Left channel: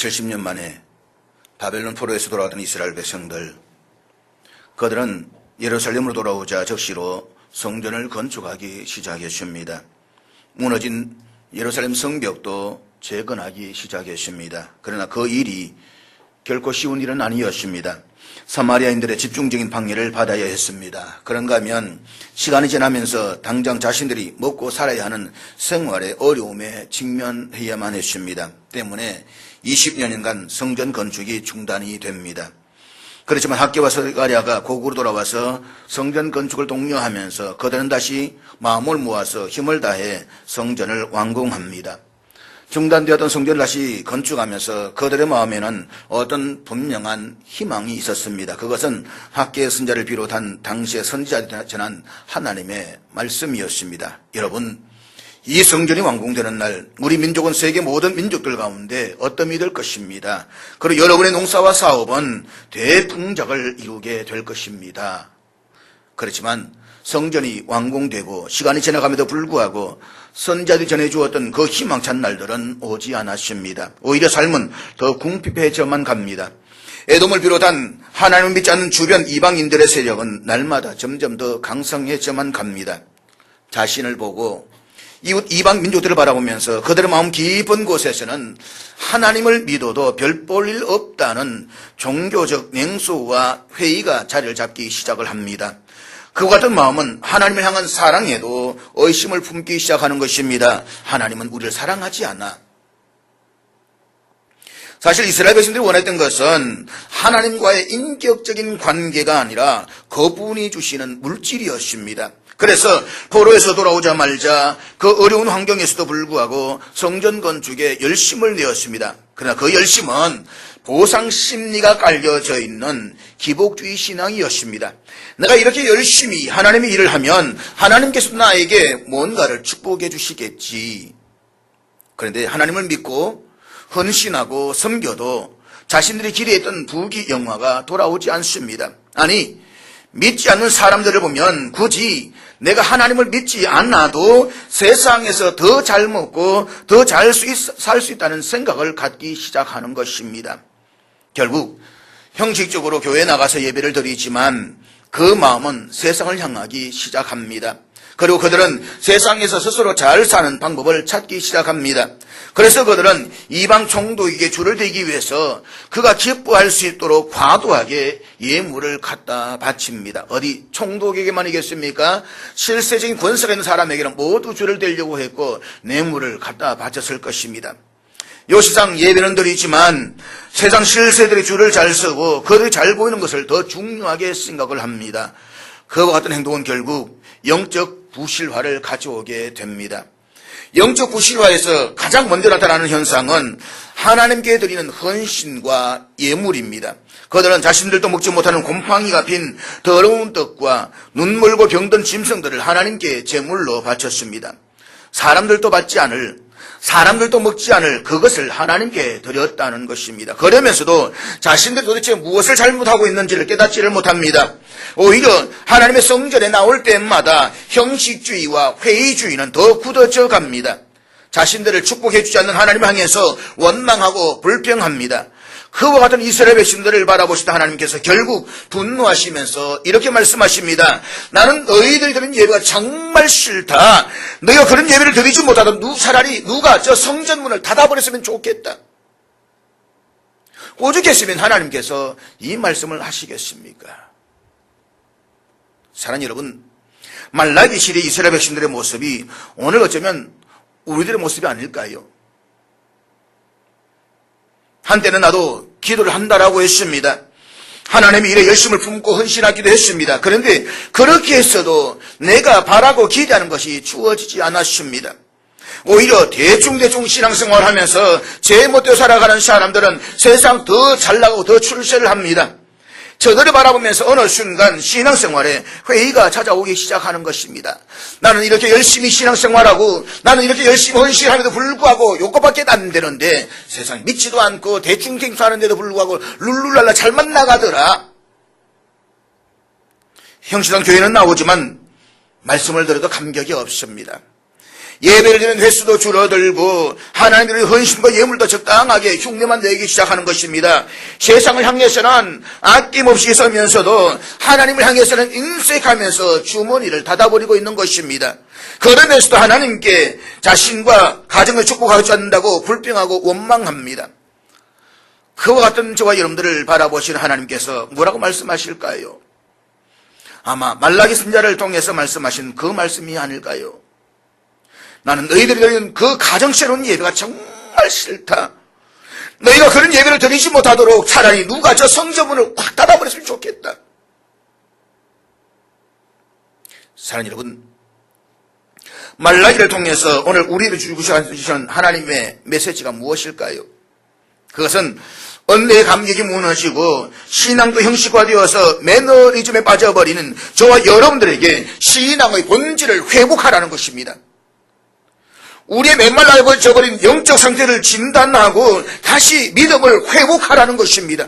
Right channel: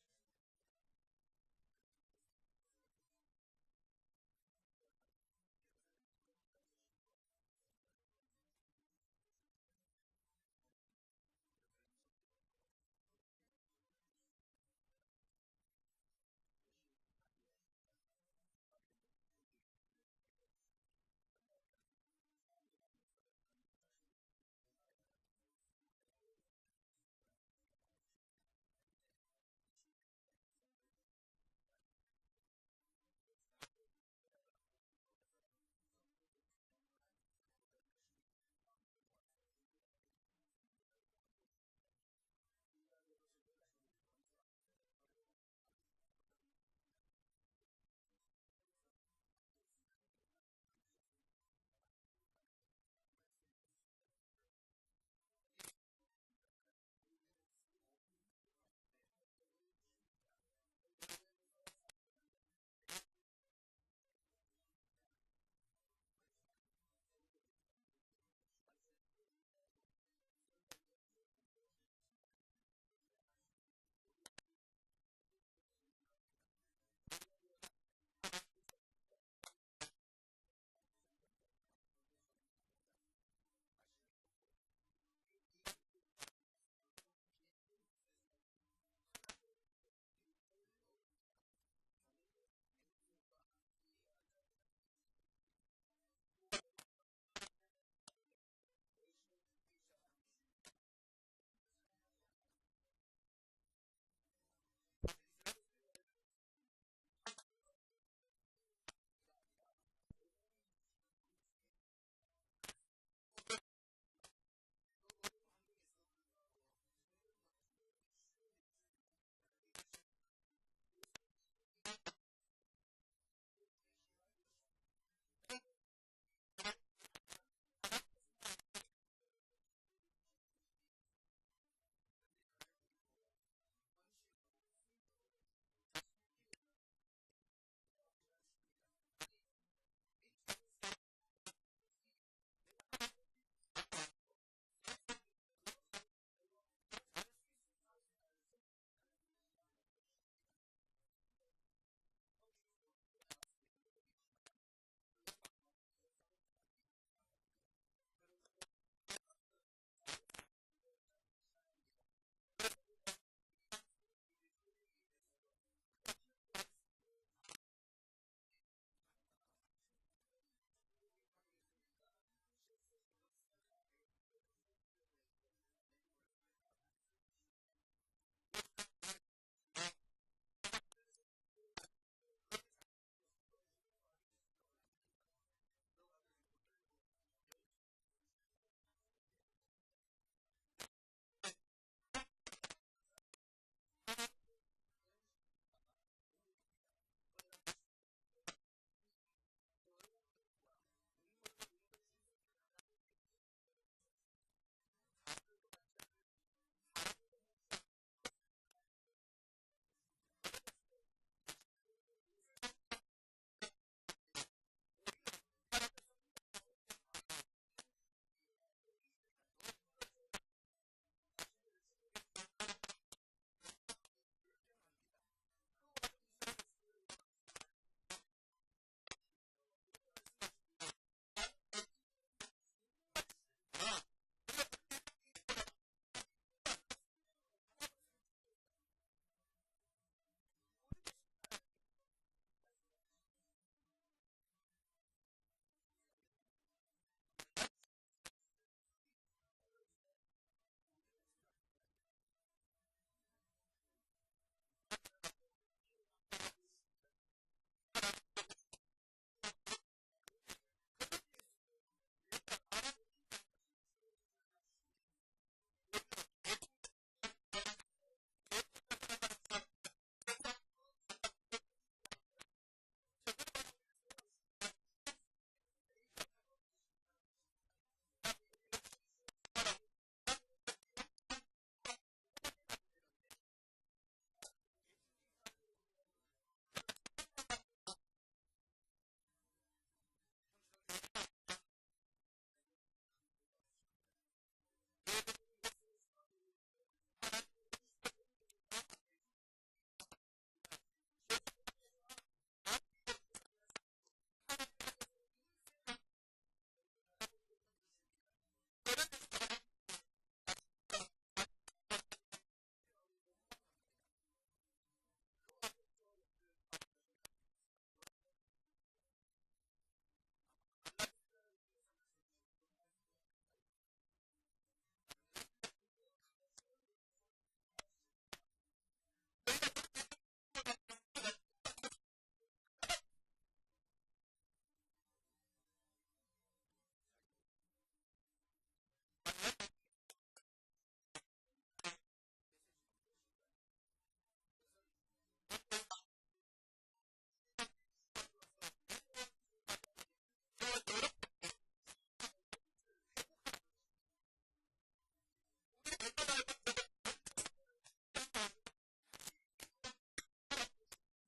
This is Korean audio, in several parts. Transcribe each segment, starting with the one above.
70년 만에 바벨론 포로에서 돌아왔던 이스라엘 백성들, 그들은 예루살렘으로 돌아오자 적시로 성전을 건축하기 시작했습니다. 무너진 예루살렘 성벽도 재건하기 시작했습니다. 그러나 그 일이 결코 쉬운 일은 아니었습니다. 사마리아인들의 집중적인 방해를 받아야 했습니다. 그런가 하면 시간이 지나면서 당장 자신들이 먹고 살아야 하는 생활의 어려움에 직면해야만 했습니다. 때문에 20년간 성전 건축이 중단이 됩니다. 그렇지만 학개와 스가랴가 고국으로 돌아와서 성전 건축을 독려하면서 그들은 다시 마음을 모아서 힘을 다해 성전을 완공합니다. 중단되었던 성전을 다시 건축하면서 그들의 마음에는 어떤 분명한 희망이 있었습니다. 그것은 학개 선자를 비롯한 당시의 선지자들이 전한 하나님의 말씀이었습니다. 여러분, 이 성전이 완공되는 날 우리 민족은 세계 모든 민족들 가운데 어떤 될 것입니다. 그리고 여러분의 농사와 사업은 대풍작을 이루게 될 것입니다. 그렇지만 성전이 완공되고 시간이 지나감에도 불구하고 선자들이 전해주었던 그 희망찬 날들은 오지 않았습니다. 오히려 삶은 더 궁핍해져만 갑니다. 에돔을 비롯한 하나님을 믿지 않는 주변 이방인들의 세력은 날마다 점점 더 강성해져만 갑니다. 자신을 보고 이웃 이방 민족들을 바라보면서 그들의 마음 깊은 곳에서는 하나님을 믿어도 별 볼 일 없다는 종교적 냉소와 회의가 자리를 잡기 시작을 합니다. 그와 같은 마음은 하나님을 향한 사랑에도 의심을 품기 시작하는 것입니다. 하나님은 우리를 사랑하지 않아. 사실 이스라엘 백성들이 원했던 것은 하나님과의 인격적인 관계가 아니라 그분이 주시는 물질이었습니다. 그래서 포로에서 돌아오자마자 그 어려운 환경에서도 불구하고 성전 건축에 열심을 내었습니다. 그러나 그 열심은 보상 심리가 깔려져 있는 기복주의 신앙이었습니다. 내가 이렇게 열심히 하나님의 일을 하면 하나님께서 나에게 뭔가를 축복해 주시겠지. 그런데 하나님을 믿고 헌신하고 섬겨도 자신들이 기대했던 부귀영화가 돌아오지 않습니다. 아니, 믿지 않는 사람들을 보면 굳이 내가 하나님을 믿지 않아도 세상에서 더 잘 먹고 더 잘 살 수 있다는 생각을 갖기 시작하는 것입니다. 결국 형식적으로 교회에 나가서 예배를 드리지만 그 마음은 세상을 향하기 시작합니다. 그리고 그들은 세상에서 스스로 잘 사는 방법을 찾기 시작합니다. 그래서 그들은 이방 총독에게 줄을 대기 위해서 그가 기뻐할 수 있도록 과도하게 예물을 갖다 바칩니다. 어디 총독에게만이겠습니까? 실세적인 권세가 있는 사람에게는 모두 줄을 대려고 했고 뇌물을 갖다 바쳤을 것입니다. 요시상 예배는 드리지만 세상 실세들이 줄을 잘 서고 그들이 잘 보이는 것을 더 중요하게 생각을 합니다. 그와 같은 행동은 결국 영적 부실화를 가져오게 됩니다. 영적 부실화에서 가장 먼저 나타나는 현상은 하나님께 드리는 헌신과 예물입니다. 그들은 자신들도 먹지 못하는 곰팡이가 핀 더러운 떡과 눈멀고 병든 짐승들을 하나님께 제물로 바쳤습니다. 사람들도 먹지 않을 그것을 하나님께 드렸다는 것입니다. 그러면서도 자신들이 도대체 무엇을 잘못하고 있는지를 깨닫지를 못합니다. 오히려 하나님의 성전에 나올 때마다 형식주의와 회의주의는 더 굳어져 갑니다. 자신들을 축복해 주지 않는 하나님을 향해서 원망하고 불평합니다. 그와 같은 이스라엘 백성들을 바라보시다 하나님께서 결국 분노하시면서 이렇게 말씀하십니다. 나는 너희들이 드린 예배가 정말 싫다. 너희가 그런 예배를 드리지 못하던 차라리 누가 저 성전문을 닫아버렸으면 좋겠다. 오죽했으면 하나님께서 이 말씀을 하시겠습니까? 사랑하는 여러분, 말라기 시대 이스라엘 백성들의 모습이 오늘 어쩌면 우리들의 모습이 아닐까요? 한때는 나도 기도를 한다라고 했습니다. 하나님의 일에 열심을 품고 헌신하기도 했습니다. 그런데 그렇게 했어도 내가 바라고 기대하는 것이 주어지지 않았습니다. 오히려 대충 신앙생활을 하면서 제 멋대로 살아가는 사람들은 세상 더 잘나가고 더 출세를 합니다. 저들을 바라보면서 어느 순간 신앙생활에 회의가 찾아오기 시작하는 것입니다. 나는 이렇게 열심히 신앙생활하고 나는 이렇게 열심히 헌신함에도 불구하고 요것밖에 안 되는데 세상 믿지도 않고 대충 하는데도 불구하고 룰루랄라 잘만 나가더라. 형식상 교회는 나오지만 말씀을 들어도 감격이 없습니다. 예배를 드리는 횟수도 줄어들고 하나님의 헌신과 예물도 적당하게 흉내만 내기 시작하는 것입니다. 세상을 향해서는 아낌없이 서면서도 하나님을 향해서는 인색하면서 주머니를 닫아버리고 있는 것입니다. 그러면서도 하나님께 자신과 가정을 축복하지 않는다고 불평하고 원망합니다. 그와 같은 저와 여러분들을 바라보시는 하나님께서 뭐라고 말씀하실까요? 아마 말라기 선지자를 통해서 말씀하신 그 말씀이 아닐까요? 나는 너희들이 드리는 그 가정스러운 예배가 정말 싫다. 너희가 그런 예배를 드리지 못하도록 차라리 누가 저 성전문을 확 닫아버렸으면 좋겠다. 사랑하는 여러분, 말라기를 통해서 오늘 우리를 주시는 하나님의 메시지가 무엇일까요? 그것은 언내의 감격이 무너지고 신앙도 형식화되어서 매너리즘에 빠져버리는 저와 여러분들에게 신앙의 본질을 회복하라는 것입니다. 우리의 메말라져버린 영적 상태를 진단하고 다시 믿음을 회복하라는 것입니다.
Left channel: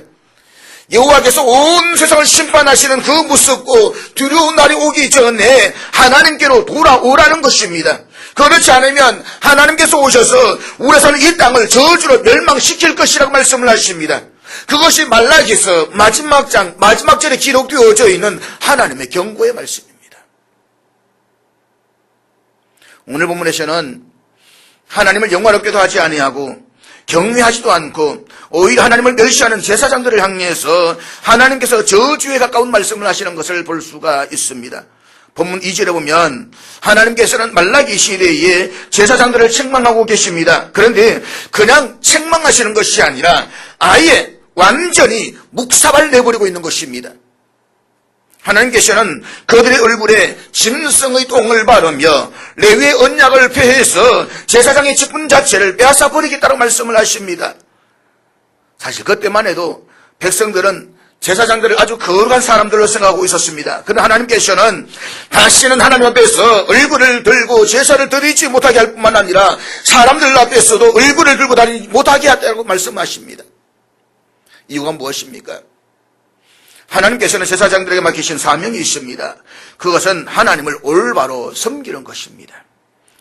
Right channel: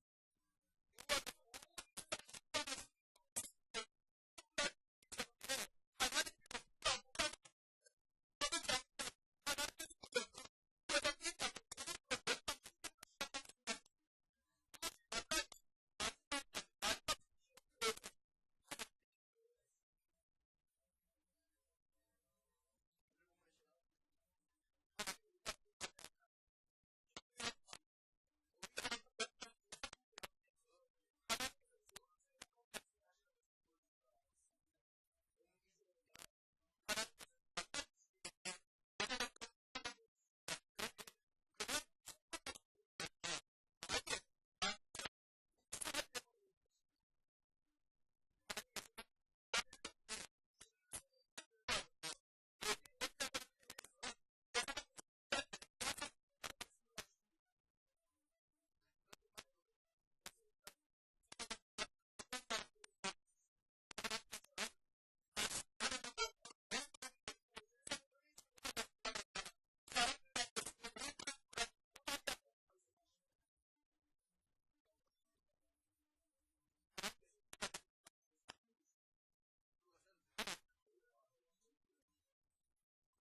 여호와께서 온 세상을 심판하시는 그 무섭고 두려운 날이 오기 전에 하나님께로 돌아오라는 것입니다. 그렇지 않으면 하나님께서 오셔서 우리에서는 이 땅을 저주로 멸망시킬 것이라고 말씀을 하십니다. 그것이 말라기서 마지막 장 마지막 절에 기록되어져 있는 하나님의 경고의 말씀입니다. 오늘 본문에서는 하나님을 영화롭게도 하지 아니하고 경외하지도 않고 오히려 하나님을 멸시하는 제사장들을 향해서 하나님께서 저주에 가까운 말씀을 하시는 것을 볼 수가 있습니다. 본문 2절에 보면 하나님께서는 말라기 시대에 제사장들을 책망하고 계십니다. 그런데 그냥 책망하시는 것이 아니라 아예 완전히 묵사발 내버리고 있는 것입니다. 하나님께서는 그들의 얼굴에 짐승의 똥을 바르며 레위의 언약을 폐해서 제사장의 직분 자체를 빼앗아 버리겠다고 말씀을 하십니다. 사실 그때만 해도 백성들은 제사장들을 아주 거룩한 사람들로 생각하고 있었습니다. 그러나 하나님께서는 다시는 하나님 앞에서 얼굴을 들고 제사를 드리지 못하게 할 뿐만 아니라 사람들 앞에서도 얼굴을 들고 다니지 못하게 하다고 말씀하십니다. 이유가 무엇입니까? 하나님께서는 제사장들에게 맡기신 사명이 있습니다. 그것은 하나님을 올바로 섬기는 것입니다.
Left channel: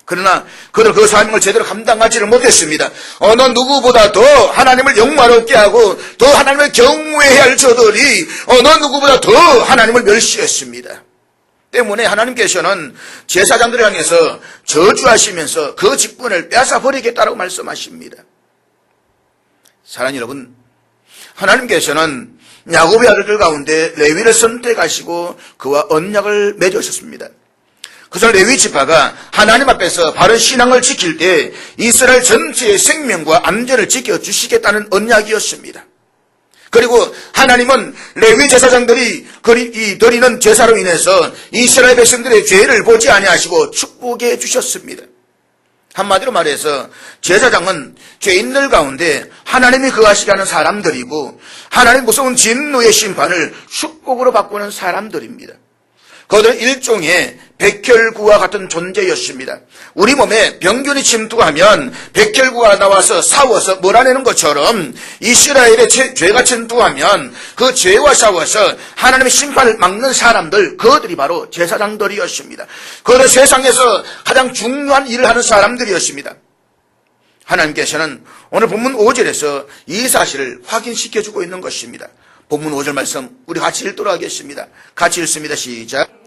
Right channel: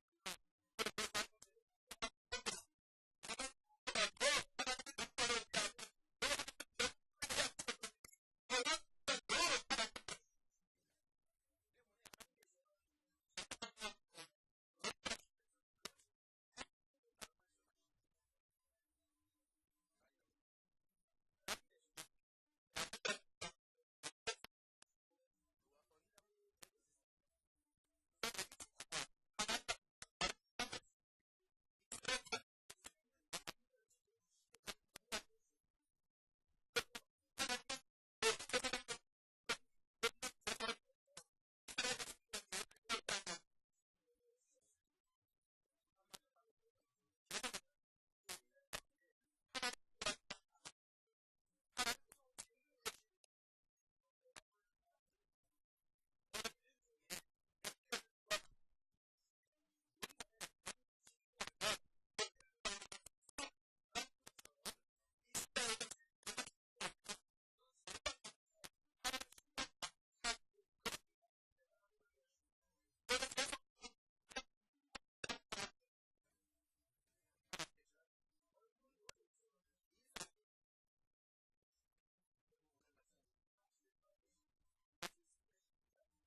그러나 그들 그 사명을 제대로 감당하지를 못했습니다. 어느 누구보다 더 하나님을 영화롭게 하고 더 하나님을 경외해야 할 저들이 어느 누구보다 더 하나님을 멸시했습니다. 때문에 하나님께서는 제사장들을 향해서 저주하시면서 그 직분을 빼앗아 버리겠다고 말씀하십니다. 사랑하는 여러분, 하나님께서는 야곱의 아들들 가운데 레위를 선택하시고 그와 언약을 맺으셨습니다. 그래서 레위 지파가 하나님 앞에서 바른 신앙을 지킬 때 이스라엘 전체의 생명과 안전을 지켜주시겠다는 언약이었습니다. 그리고 하나님은 레위 제사장들이 드리는 제사로 인해서 이스라엘 백성들의 죄를 보지 아니하시고 축복해 주셨습니다. 한마디로 말해서 제사장은 죄인들 가운데 하나님이 거하시게 하는 사람들이고 하나님 무서운 진노의 심판을 축복으로 바꾸는 사람들입니다. 그들은 일종의 백혈구와 같은 존재였습니다. 우리 몸에 병균이 침투하면 백혈구가 나와서 싸워서 몰아내는 것처럼 이스라엘의 죄가 침투하면 그 죄와 싸워서 하나님의 심판을 막는 사람들, 그들이 바로 제사장들이었습니다. 그들은 세상에서 가장 중요한 일을 하는 사람들이었습니다. 하나님께서는 오늘 본문 5절에서 이 사실을 확인시켜주고 있는 것입니다. 본문 5절 말씀 우리 같이 읽도록 하겠습니다. 같이 읽습니다. 시작.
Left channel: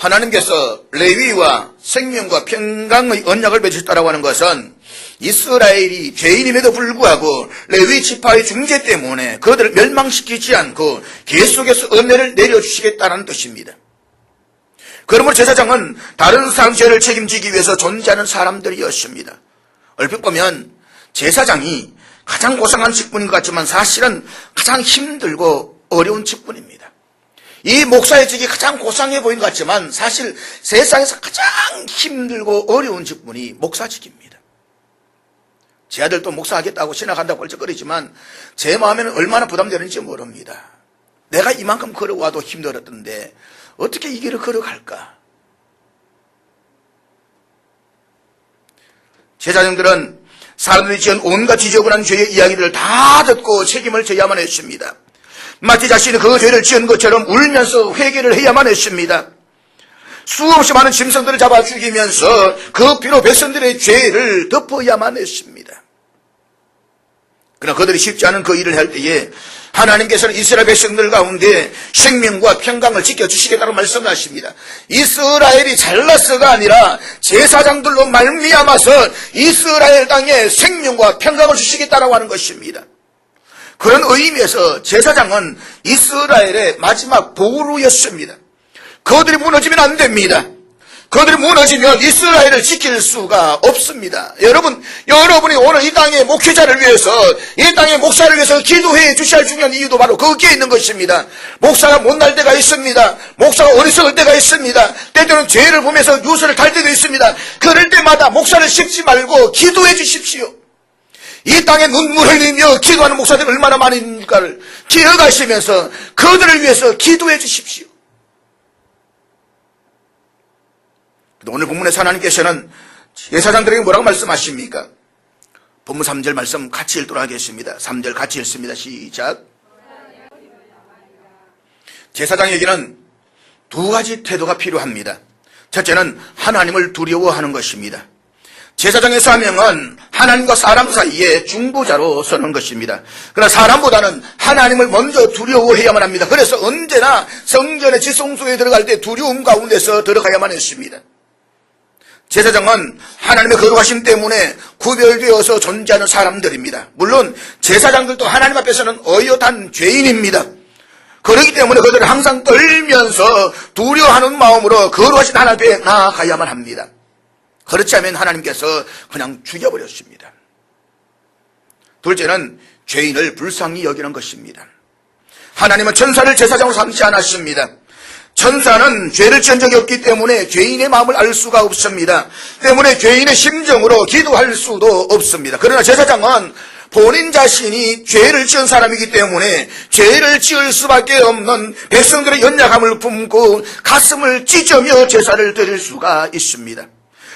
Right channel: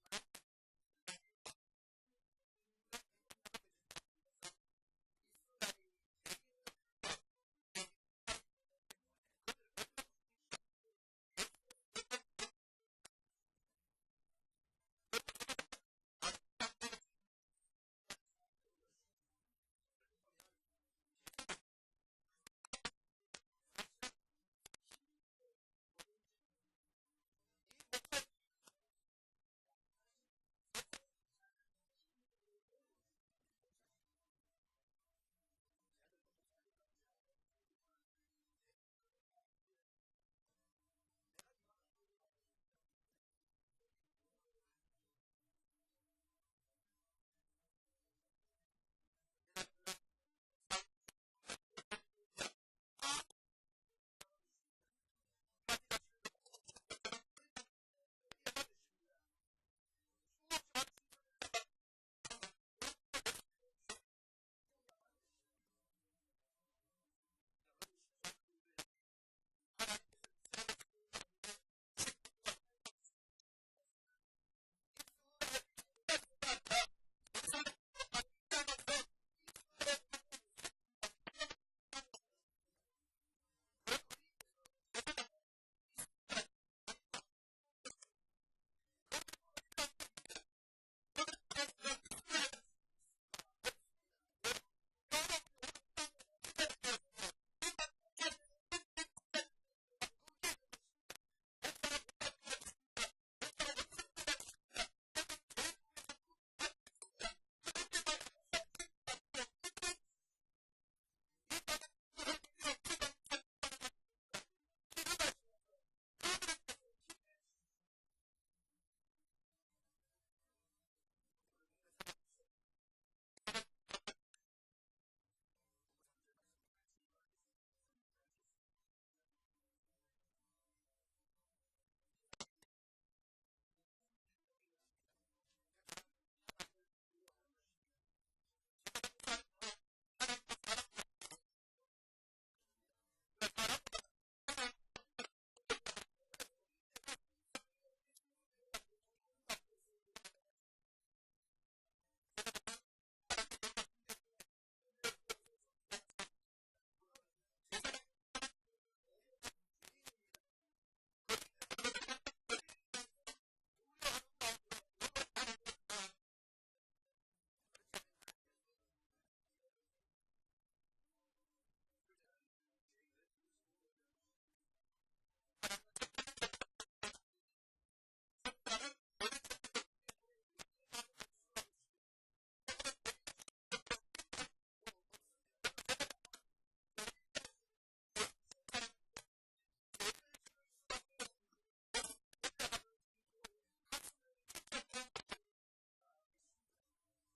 하나님께서 레위와 생명과 평강의 언약을 맺으셨다고 하는 것은 이스라엘이 죄인임에도 불구하고 레위 지파의 중재 때문에 그들을 멸망시키지 않고 계속해서 은혜를 내려주시겠다는 뜻입니다. 그러므로 제사장은 다른 사람 죄를 책임지기 위해서 존재하는 사람들이었습니다. 얼핏 보면 제사장이 가장 고상한 직분인 것 같지만 사실은 가장 힘들고 어려운 직분입니다. 이 목사의 직이 가장 고상해 보이는 것 같지만 사실 세상에서 가장 힘들고 어려운 직분이 목사직입니다. 제 아들도 목사하겠다고 신학한다고 뻘쩍거리지만 제 마음에는 얼마나 부담되는지 모릅니다. 내가 이만큼 걸어와도 힘들었던데 어떻게 이 길을 걸어갈까? 제사장들은 사람들이 지은 온갖 지저분한 죄의 이야기들을 다 듣고 책임을 져야만 했습니다. 마치 자신이 그 죄를 지은 것처럼 울면서 회개를 해야만 했습니다. 수없이 많은 짐승들을 잡아 죽이면서 그 피로 백성들의 죄를 덮어야만 했습니다. 그러나 그들이 쉽지 않은 그 일을 할 때에 하나님께서는 이스라엘 백성들 가운데 생명과 평강을 지켜주시겠다고 말씀하십니다. 이스라엘이 잘나서가 아니라 제사장들로 말미암아서 이스라엘 땅에 생명과 평강을 주시겠다고 하는 것입니다. 그런 의미에서 제사장은 이스라엘의 마지막 보루였습니다. 그들이 무너지면 안 됩니다. 그들이 무너지면 이스라엘을 지킬 수가 없습니다. 여러분이 오늘 이 땅의 목회자를 위해서, 이 땅의 목사를 위해서 기도해 주셔야 할 중요한 이유도 바로 거기에 있는 것입니다. 목사가 못날 때가 있습니다. 목사가 어리석을 때가 있습니다. 때때로는 죄를 보면서 유서를 탈 때도 있습니다. 그럴 때마다 목사를 씹지 말고 기도해 주십시오. 이 땅에 눈물 흘리며 기도하는 목사들이 얼마나 많은가를 기억하시면서 그들을 위해서 기도해 주십시오. 오늘 본문에서 하나님께서는 제사장들에게 뭐라고 말씀하십니까? 본문 3절 말씀 같이 읽도록 하겠습니다. 3절 같이 읽습니다. 시작. 제사장에게는 두 가지 태도가 필요합니다. 첫째는 하나님을 두려워하는 것입니다. 제사장의 사명은 하나님과 사람 사이에 중보자로 서는 것입니다. 그러나 사람보다는 하나님을 먼저 두려워해야만 합니다. 그래서 언제나 성전의 지성소에 들어갈 때 두려움 가운데서 들어가야만 했습니다. 제사장은 하나님의 거룩하심 때문에 구별되어서 존재하는 사람들입니다. 물론 제사장들도 하나님 앞에서는 어엿한 죄인입니다. 그렇기 때문에 그들은 항상 떨면서 두려워하는 마음으로 거룩하신 하나님 앞에 나아가야만 합니다. 그렇지 않으면 하나님께서 그냥 죽여버렸습니다. 둘째는 죄인을 불쌍히 여기는 것입니다. 하나님은 천사를 제사장으로 삼지 않았습니다. 천사는 죄를 지은 적이 없기 때문에 죄인의 마음을 알 수가 없습니다. 때문에 죄인의 심정으로 기도할 수도 없습니다. 그러나 제사장은 본인 자신이 죄를 지은 사람이기 때문에 죄를 지을 수밖에 없는 백성들의 연약함을 품고 가슴을 찢으며 제사를 드릴 수가 있습니다.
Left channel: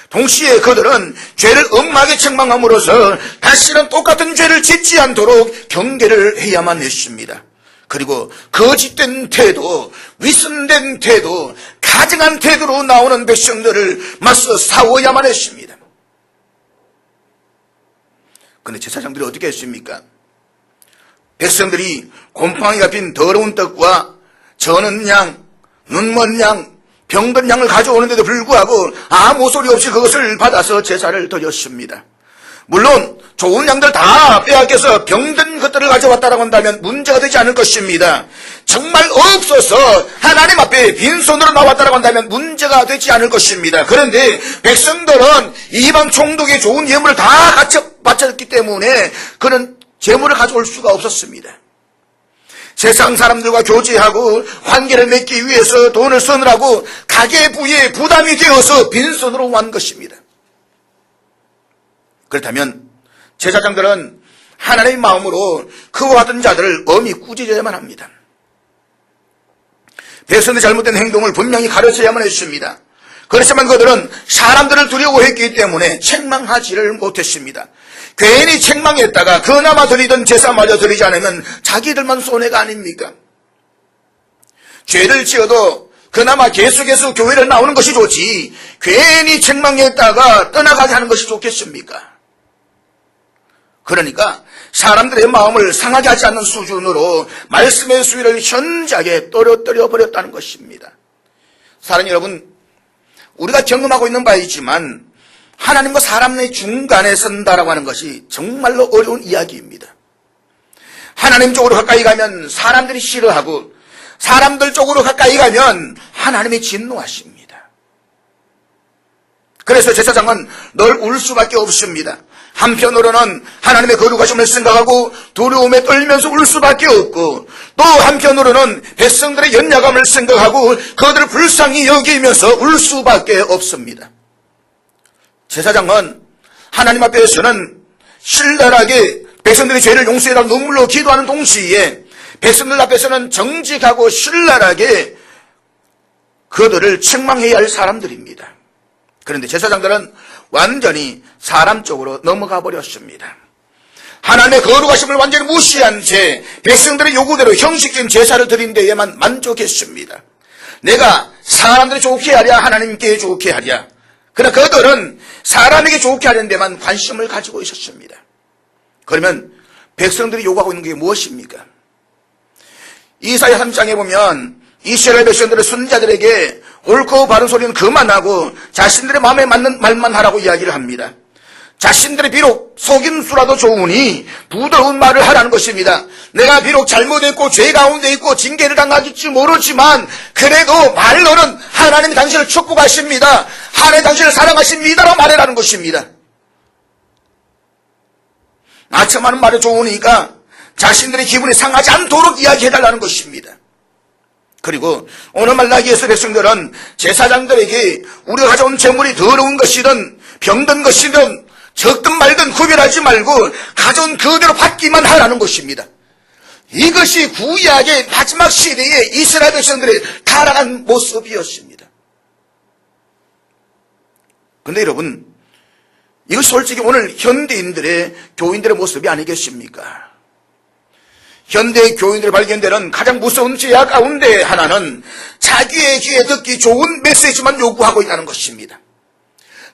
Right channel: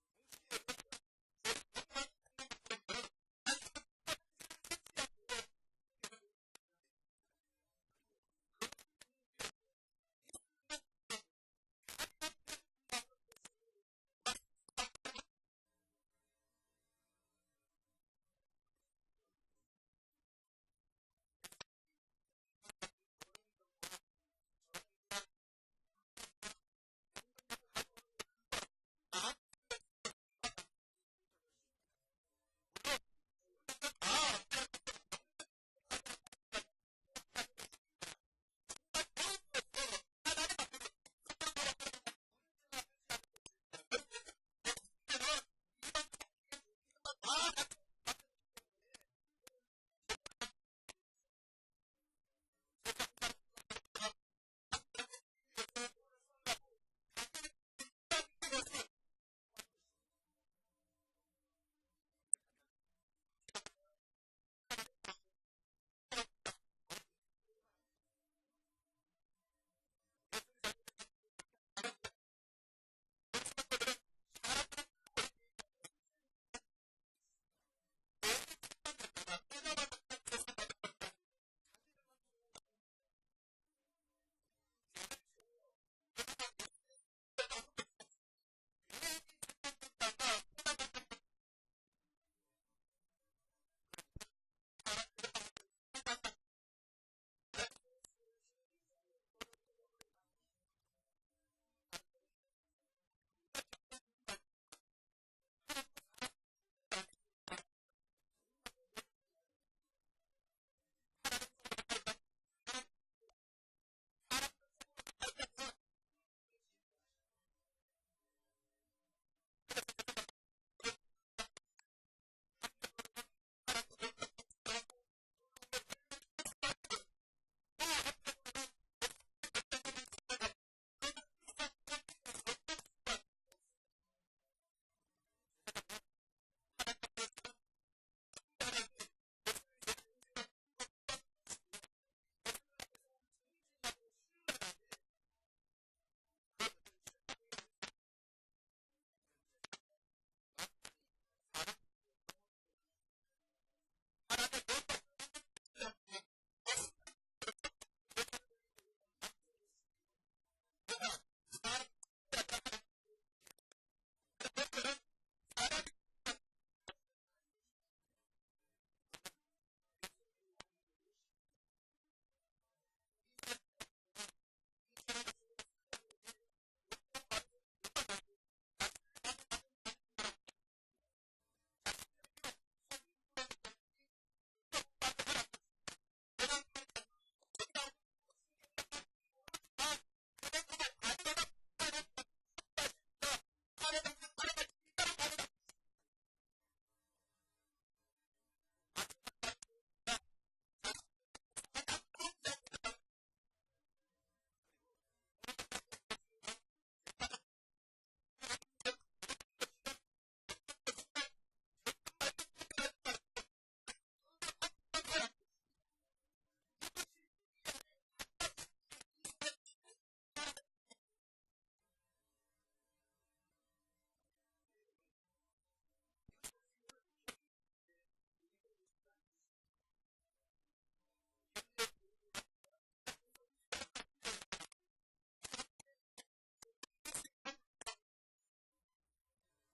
동시에 그들은 죄를 엄하게 책망함으로써 다시는 똑같은 죄를 짓지 않도록 경계를 해야만 했습니다. 그리고 거짓된 태도, 위선된 태도, 가증한 태도로 나오는 백성들을 맞서 싸워야만 했습니다. 그런데 제사장들이 어떻게 했습니까? 백성들이 곰팡이가 핀 더러운 떡과 저는 양, 눈먼 양, 병든 양을 가져오는데도 불구하고 아무 소리 없이 그것을 받아서 제사를 드렸습니다. 물론 좋은 양들 다 빼앗겨서 병든 것들을 가져왔다고 한다면 문제가 되지 않을 것입니다. 정말 없어서 하나님 앞에 빈손으로 나왔다고 한다면 문제가 되지 않을 것입니다. 그런데 백성들은 이방 총독의 좋은 예물을 다 바쳤기 때문에 그런 재물을 가져올 수가 없었습니다. 세상 사람들과 교제하고 관계를 맺기 위해서 돈을 쓰느라고 가계부에 부담이 되어서 빈손으로 온 것입니다. 그렇다면 제사장들은 하나님의 마음으로 그와 같은 자들을 엄히 꾸짖어야만 합니다. 백성들의 잘못된 행동을 분명히 가르쳐야만 했습니다. 그렇지만 그들은 사람들을 두려워했기 때문에 책망하지를 못했습니다. 괜히 책망했다가 그나마 드리던 제사마저 드리지 않으면 자기들만 손해가 아닙니까? 죄를 지어도 그나마 계속해서 교회를 나오는 것이 좋지 괜히 책망했다가 떠나가게 하는 것이 좋겠습니까? 그러니까 사람들의 마음을 상하게 하지 않는 수준으로 말씀의 수위를 현저하게 떨어뜨려 버렸다는 것입니다. 사랑하는 여러분, 우리가 경험하고 있는 바이지만 하나님과 사람의 중간에 선다라고 하는 것이 정말로 어려운 이야기입니다. 하나님 쪽으로 가까이 가면 사람들이 싫어하고 사람들 쪽으로 가까이 가면 하나님이 진노하십니다. 그래서 제사장은 늘 울 수밖에 없습니다. 한편으로는 하나님의 거룩하심을 생각하고 두려움에 떨면서 울 수밖에 없고 또 한편으로는 백성들의 연약함을 생각하고 그들을 불쌍히 여기면서 울 수밖에 없습니다. 제사장은 하나님 앞에서는 신랄하게 백성들의 죄를 용서해달라고 눈물로 기도하는 동시에 백성들 앞에서는 정직하고 신랄하게 그들을 책망해야 할 사람들입니다. 그런데 제사장들은 완전히 사람 쪽으로 넘어가 버렸습니다. 하나님의 거룩하심을 완전히 무시한 채 백성들의 요구대로 형식적인 제사를 드린 데에만 만족했습니다. 내가 사람들이 좋게 하랴 하나님께 좋게 하랴. 그러나 그들은 사람에게 좋게 하려는 데만 관심을 가지고 있었습니다. 그러면 백성들이 요구하고 있는 게 무엇입니까? 이사야 3장에 보면 이스라엘 백성들의 선지자들에게 옳고 바른 소리는 그만하고 자신들의 마음에 맞는 말만 하라고 이야기를 합니다. 자신들이 비록 속임수라도 좋으니 부드러운 말을 하라는 것입니다. 내가 비록 잘못했고 죄 가운데 있고 징계를 당할지 모르지만 그래도 말로는 하나님이 당신을 축복하십니다. 하나님이 당신을 사랑하십니다라고 말하라는 것입니다. 아첨하는 말이 좋으니까 자신들의 기분이 상하지 않도록 이야기해달라는 것입니다. 그리고 오늘 말라기에서 백성들은 제사장들에게 우리가 가져온 재물이 더러운 것이든 병든 것이든 적든 말든 구별하지 말고 가져온 그대로 받기만 하라는 것입니다. 이것이 구약의 마지막 시대에 이스라엘 백성들이 타락한 모습이었습니다. 그런데 여러분, 이거 솔직히 오늘 현대인들의 교인들의 모습이 아니겠습니까? 현대 교인들이 발견되는 가장 무서운 죄악 가운데 하나는 자기의 귀에 듣기 좋은 메시지만 요구하고 있다는 것입니다.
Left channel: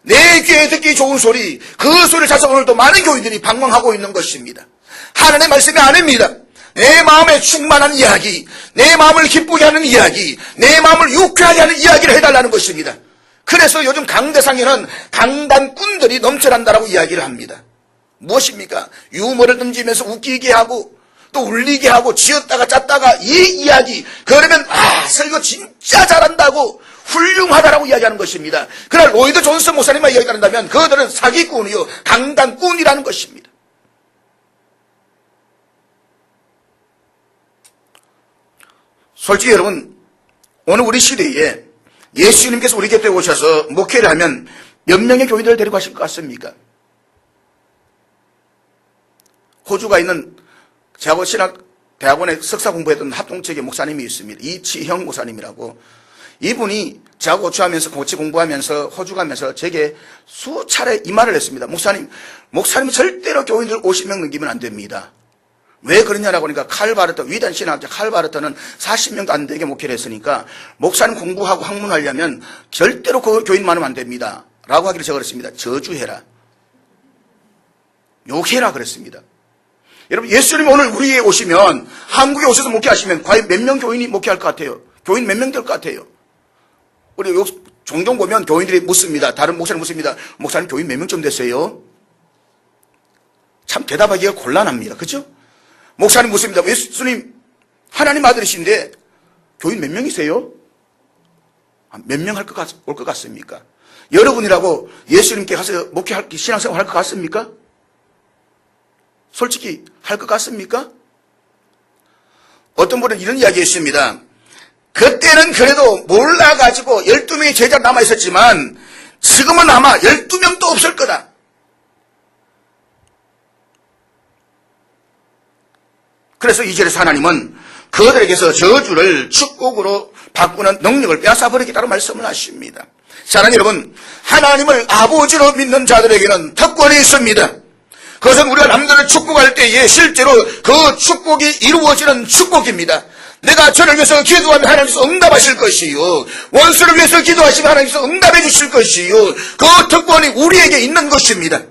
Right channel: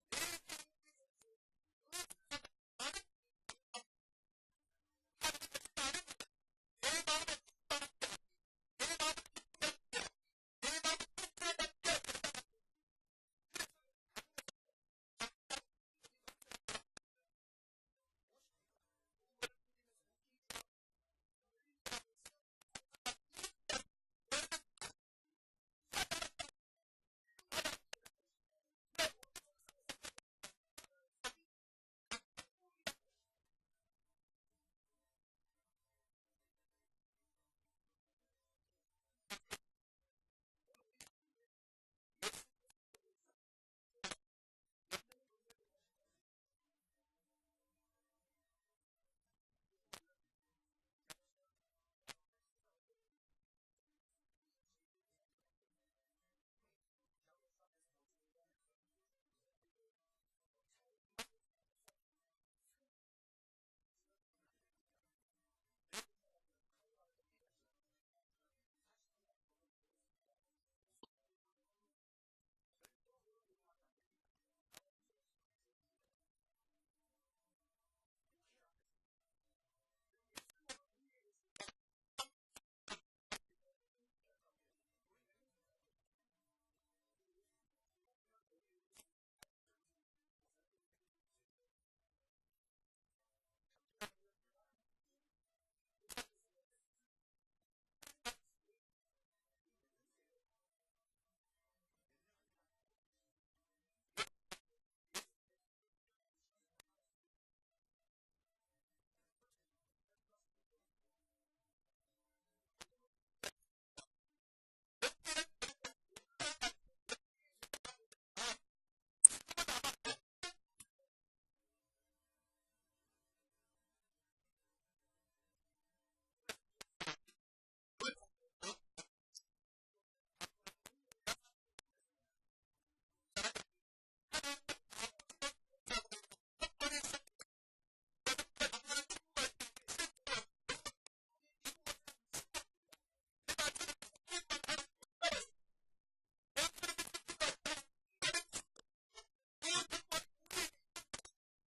내 귀에 듣기 좋은 소리, 그 소리를 찾아서 오늘도 많은 교인들이 방황하고 있는 것입니다. 하나님의 말씀이 아닙니다. 내 마음에 충만한 이야기, 내 마음을 기쁘게 하는 이야기, 내 마음을 유쾌하게 하는 이야기를 해달라는 것입니다. 그래서 요즘 강대상에는 강단꾼들이 넘쳐난다라고 이야기를 합니다. 무엇입니까? 유머를 던지면서 웃기게 하고 또 울리게 하고 지었다가 짰다가 이 이야기, 그러면 설교 진짜 잘한다고 훌륭하다라고 이야기하는 것입니다. 그러나 로이드 존슨 목사님만 이야기한다면 그들은 사기꾼이요 강단꾼이라는 것입니다. 솔직히 여러분, 오늘 우리 시대에 예수님께서 우리 곁에 오셔서 목회를 하면 몇 명의 교인들을 데리고 가실 것 같습니까? 호주가 있는 제하고 신학대학원에 석사 공부했던 합동체계 목사님이 있습니다. 이치형 목사님이라고. 이분이 저하고 같이 공부하면서 호주 가면서 제게 수차례 이 말을 했습니다. 목사님이 절대로 교인들 50명 넘기면 안 됩니다. 왜 그러냐라고 하니까 위대한 신학자 칼 바르터는 40명도 안 되게 목회를 했으니까 목사님 공부하고 학문하려면 절대로 그 교인 많으면 안 됩니다. 라고 하기를 제가 그랬습니다. 저주해라. 욕해라 그랬습니다. 여러분, 예수님이 오늘 우리에 오시면, 한국에 오셔서 목회하시면 과연 몇 명 교인이 목회할 것 같아요? 교인 몇 명 될 것 같아요? 우리 종종 보면 교인들이 묻습니다. 다른 목사님 묻습니다. 목사님 교인 몇 명쯤 됐어요? 참 대답하기가 곤란합니다. 그렇죠? 목사님 묻습니다. 예수님 하나님 아들이신데 교인 몇 명이세요? 몇 명 올 것 같습니까? 여러분이라고 예수님께 가서 신앙생활 할 것 같습니까? 솔직히 할 것 같습니까? 어떤 분은 이런 이야기 했습니다. 그때는 그래도 몰라가지고 12명의 제자 남아있었지만 지금은 아마 12명도 없을 거다. 그래서 이 절에서 하나님은 그들에게서 저주를 축복으로 바꾸는 능력을 빼앗아버리겠다고 말씀을 하십니다. 사랑하는 여러분, 하나님을 아버지로 믿는 자들에게는 특권이 있습니다. 그것은 우리가 남들을 축복할 때에 실제로 그 축복이 이루어지는 축복입니다. 내가 저를 위해서 기도하면 하나님께서 응답하실 것이요, 원수를 위해서 기도하시면 하나님께서 응답해 주실 것이요, 그 특권이 우리에게 있는 것입니다.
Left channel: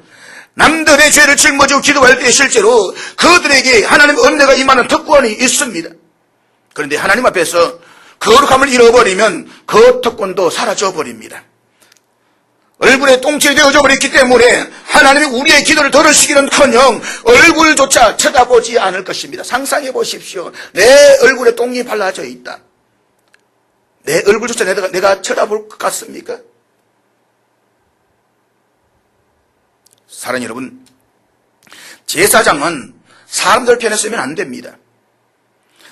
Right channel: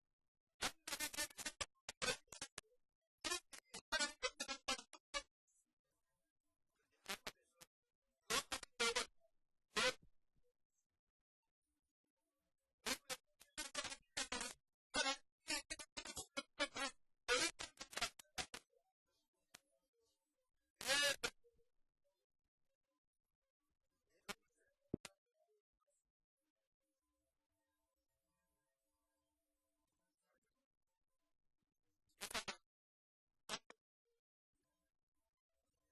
남들의 죄를 짊어지고 기도할 때 실제로 그들에게 하나님의 은혜가 임하는 특권이 있습니다. 그런데 하나님 앞에서 거룩함을 잃어버리면 그 특권도 사라져버립니다. 얼굴에 똥칠이 되어져 버렸기 때문에 하나님이 우리의 기도를 들으시기는커녕 얼굴조차 쳐다보지 않을 것입니다. 상상해 보십시오. 내 얼굴에 똥이 발라져 있다. 내 얼굴조차 내가 쳐다볼 것 같습니까? 사랑하는 여러분, 제사장은 사람들 편에 서면 안 됩니다.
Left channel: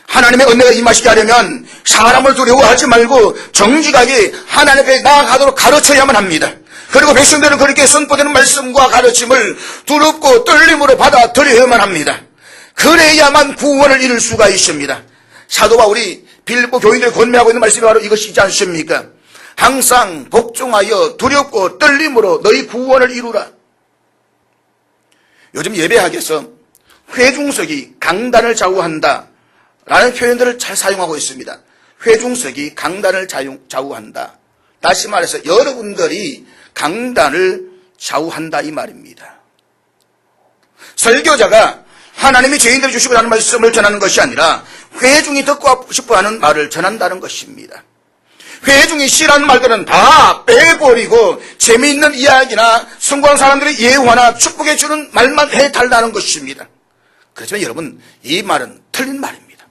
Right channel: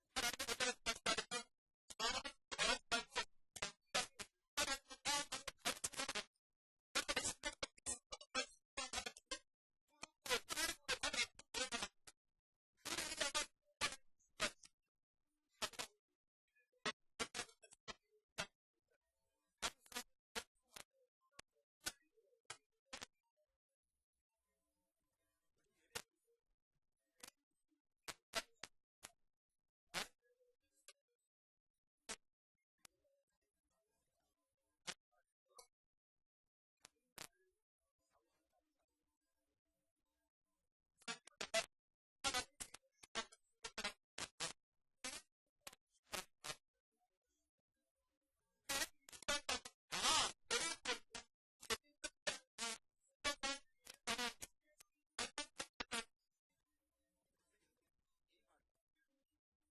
하나님의 은혜가 임하시게 하려면 사람을 두려워하지 말고 정직하게 하나님 앞에 나아가도록 가르쳐야만 합니다. 그리고 백성들은 그렇게 선포되는 말씀과 가르침을 두렵고 떨림으로 받아들여야만 합니다. 그래야만 구원을 이룰 수가 있습니다. 사도 바울이 빌립보 교인들을 권면하고 있는 말씀이 바로 이것이지 않습니까? 항상 복종하여 두렵고 떨림으로 너희 구원을 이루라. 요즘 예배학에서 회중석이 강단을 좌우한다 라는 표현들을 잘 사용하고 있습니다. 회중석이 강단을 좌우한다. 다시 말해서 여러분들이 강단을 좌우한다 이 말입니다. 설교자가 하나님이 죄인들을 주시고 하는 말씀을 전하는 것이 아니라 회중이 듣고 싶어하는 말을 전한다는 것입니다. 회중이 싫어하는 말들은 다 빼버리고 재미있는 이야기나 성공한 사람들의 예화나 축복해 주는 말만 해달라는 것입니다. 그렇지만 여러분, 이 말은 틀린 말입니다.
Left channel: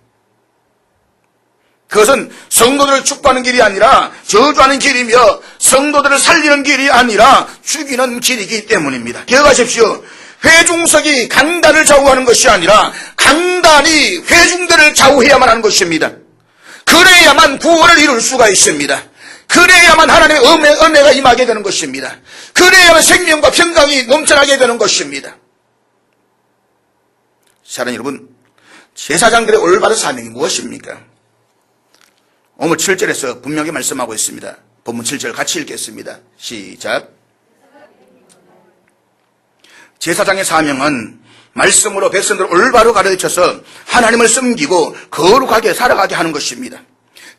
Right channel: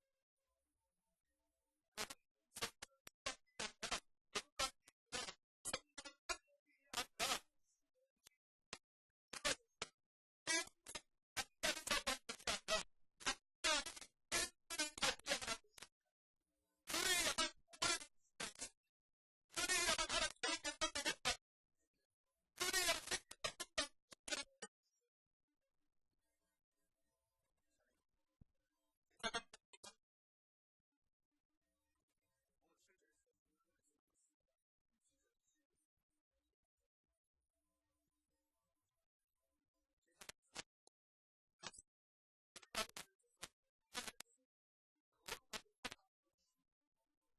그것은 성도들을 축복하는 길이 아니라 저주하는 길이며 성도들을 살리는 길이 아니라 죽이는 길이기 때문입니다. 기억하십시오. 회중석이 강단을 좌우하는 것이 아니라 강단이 회중들을 좌우해야만 하는 것입니다. 그래야만 구원을 이룰 수가 있습니다. 그래야만 하나님의 은혜가 임하게 되는 것입니다. 그래야만 생명과 평강이 넘쳐나게 되는 것입니다. 사랑하는 여러분, 제사장들의 올바른 사명이 무엇입니까? 오늘 7절에서 분명히 말씀하고 있습니다. 본문 7절 같이 읽겠습니다. 시작. 제사장의 사명은 말씀으로 백성들을 올바로 가르쳐서 하나님을 섬기고 거룩하게 살아가게 하는 것입니다.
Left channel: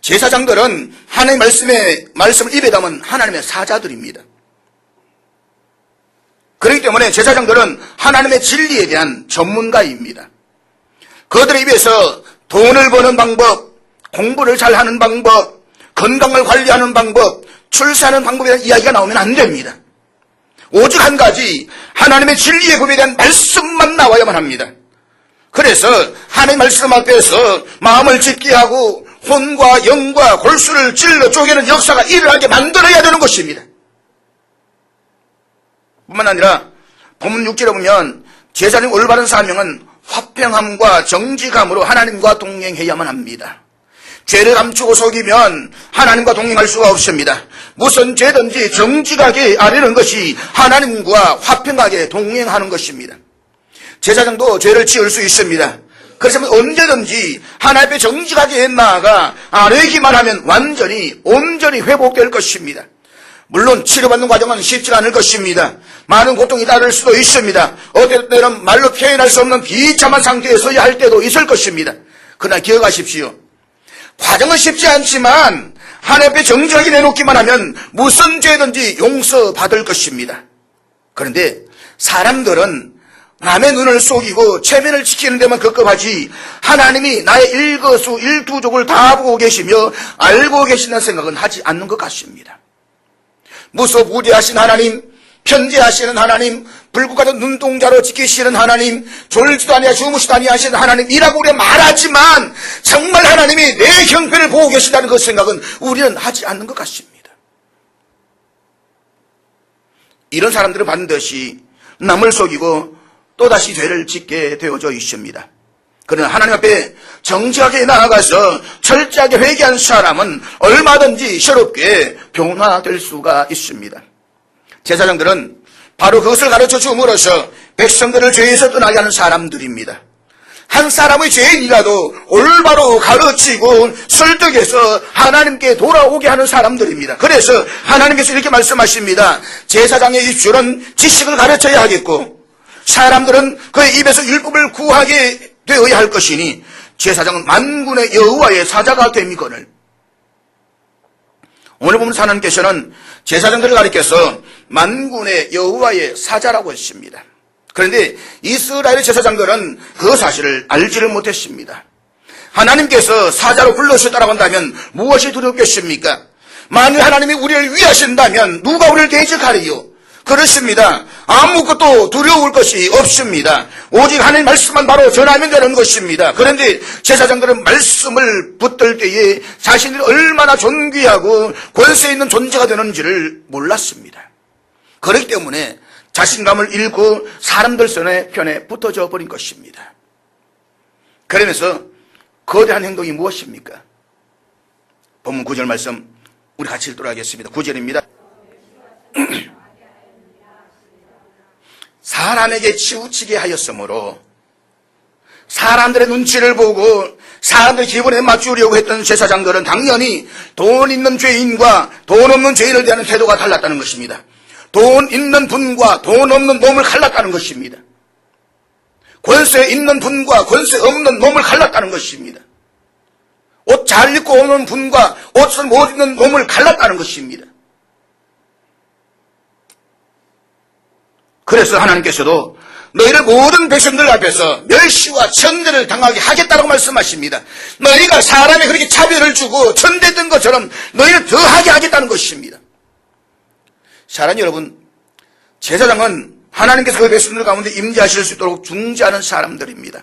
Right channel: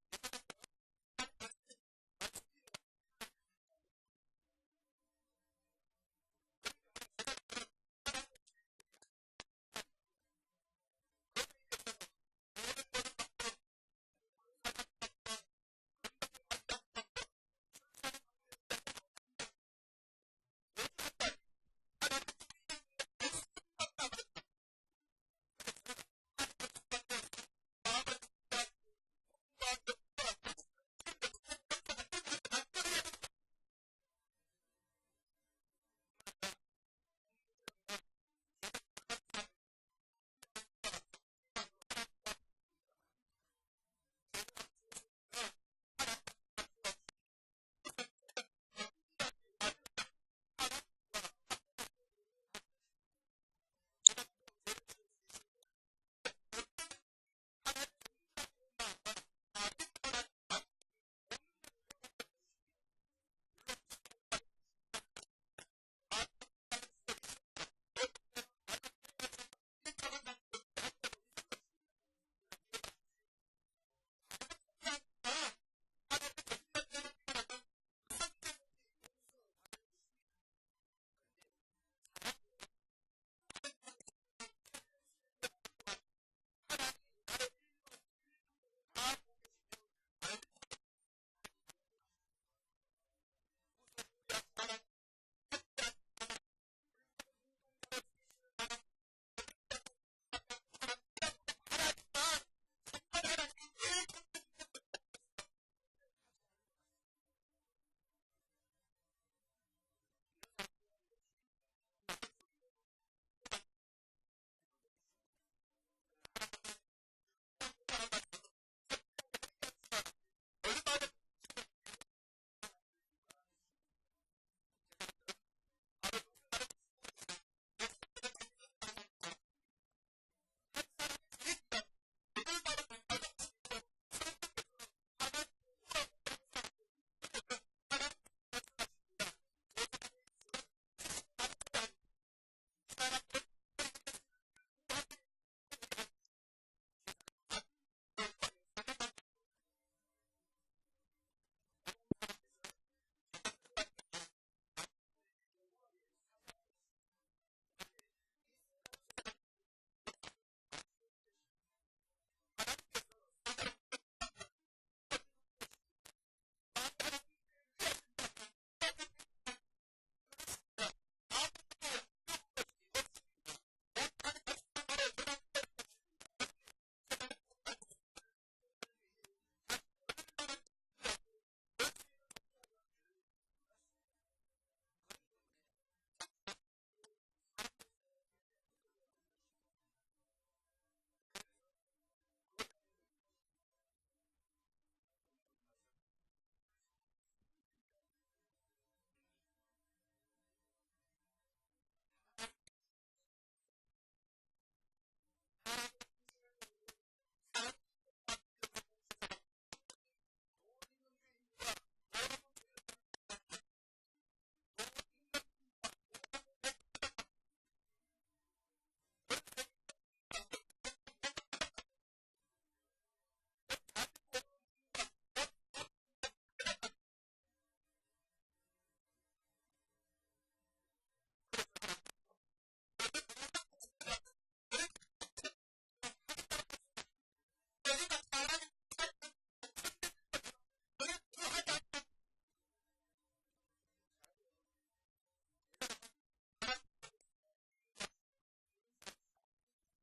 제사장들은 하나님의 말씀을 입에 담은 하나님의 사자들입니다. 그렇기 때문에 제사장들은 하나님의 진리에 대한 전문가입니다. 그들의 입에서 돈을 버는 방법, 공부를 잘하는 방법, 건강을 관리하는 방법, 출세하는 방법에 대한 이야기가 나오면 안 됩니다. 오직 한 가지, 하나님의 진리의 법에 대한 말씀만 나와야만 합니다. 그래서 하나님의 말씀 앞에서 마음을 짓게 하고 혼과 영과 골수를 찔러 쪼개는 역사가 일어나게 만들어야 되는 것입니다. 뿐만 아니라 본문 6절에 보면 제사장의 올바른 사명은 화평함과 정직함으로 하나님과 동행해야만 합니다. 죄를 감추고 속이면 하나님과 동행할 수가 없습니다. 무슨 죄든지 정직하게 아뢰는 것이 하나님과 화평하게 동행하는 것입니다. 제사장도 죄를 지을 수 있습니다. 그래서 언제든지 하나님 앞에 정직하게 나아가 아뢰기만 하면 온전히 회복될 것입니다. 물론 치료받는 과정은 쉽지 않을 것입니다. 많은 고통이 따를 수도 있습니다. 어떨 때는 말로 표현할 수 없는 비참한 상태에 서야 할 때도 있을 것입니다. 그러나 기억하십시오. 과정은 쉽지 않지만 하나님 앞에 정직하게 내놓기만 하면 무슨 죄든지 용서받을 것입니다. 그런데 사람들은 남의 눈을 속이고 체면을 지키는 데만 급급하지 하나님이 나의 일거수 일투족을 다 보고 계시며 알고 계신다는 생각은 하지 않는 것 같습니다. 무소부지하신 하나님, 편지하시는 하나님, 불꽃 같은 눈동자로 지키시는 하나님, 졸지도 아니하 주무시도 아니하시는 하나님이라고 우리가 말하지만 정말 하나님이 내 형편을 보고 계신다는 그 생각은 우리는 하지 않는 것 같습니다. 이런 사람들은 반드시 남을 속이고 또다시 죄를 짓게 되어져 있습니다. 그러나 하나님 앞에 정직하게 나아가서 철저하게 회개한 사람은 얼마든지 새롭게 변화될 수가 있습니다. 제사장들은 바로 그것을 가르쳐 줌으로써 백성들을 죄에서 떠나게 하는 사람들입니다. 한 사람의 죄인이라도 올바로 가르치고 설득해서 하나님께 돌아오게 하는 사람들입니다. 그래서 하나님께서 이렇게 말씀하십니다. 제사장의 입술은 지식을 가르쳐야 하겠고 사람들은 그의 입에서 율법을 구하게 되어야 할 것이니 제사장은 만군의 여호와의 사자가 됨이거늘. 오늘 보면 하나님께서는 제사장들을 가리켜서 만군의 여호와의 사자라고 했습니다. 그런데 이스라엘의 제사장들은 그 사실을 알지를 못했습니다. 하나님께서 사자로 불러주셨다고 한다면 무엇이 두렵겠습니까? 만일 하나님이 우리를 위하신다면 누가 우리를 대적하리요? 그렇습니다. 아무것도 두려울 것이 없습니다. 오직 하나님 말씀만 바로 전하면 되는 것입니다. 그런데 제사장들은 말씀을 붙들 때에 자신들이 얼마나 존귀하고 권세 있는 존재가 되는지를 몰랐습니다. 그렇기 때문에 자신감을 잃고 사람들 편에 붙어져 버린 것입니다. 그러면서 거대한 행동이 무엇입니까? 본문 9절 말씀 우리 같이 읽도록 하겠습니다. 9절입니다. 사람에게 치우치게 하였으므로 사람들의 눈치를 보고 사람들의 기분에 맞추려고 했던 제사장들은 당연히 돈 있는 죄인과 돈 없는 죄인을 대하는 태도가 달랐다는 것입니다. 돈 있는 분과 돈 없는 놈을 갈랐다는 것입니다. 권세 있는 분과 권세 없는 놈을 갈랐다는 것입니다. 옷 잘 입고 오는 분과 옷을 못 입는 놈을 갈랐다는 것입니다. 그래서 하나님께서도 너희를 모든 백성들 앞에서 멸시와 천대를 당하게 하겠다고 말씀하십니다. 너희가 사람에 그렇게 차별을 주고 천대던 것처럼 너희를 더하게 하겠다는 것입니다. 사랑하는 여러분, 제사장은 하나님께서 그 백성들 가운데 임재하실 수 있도록 중재하는 사람들입니다.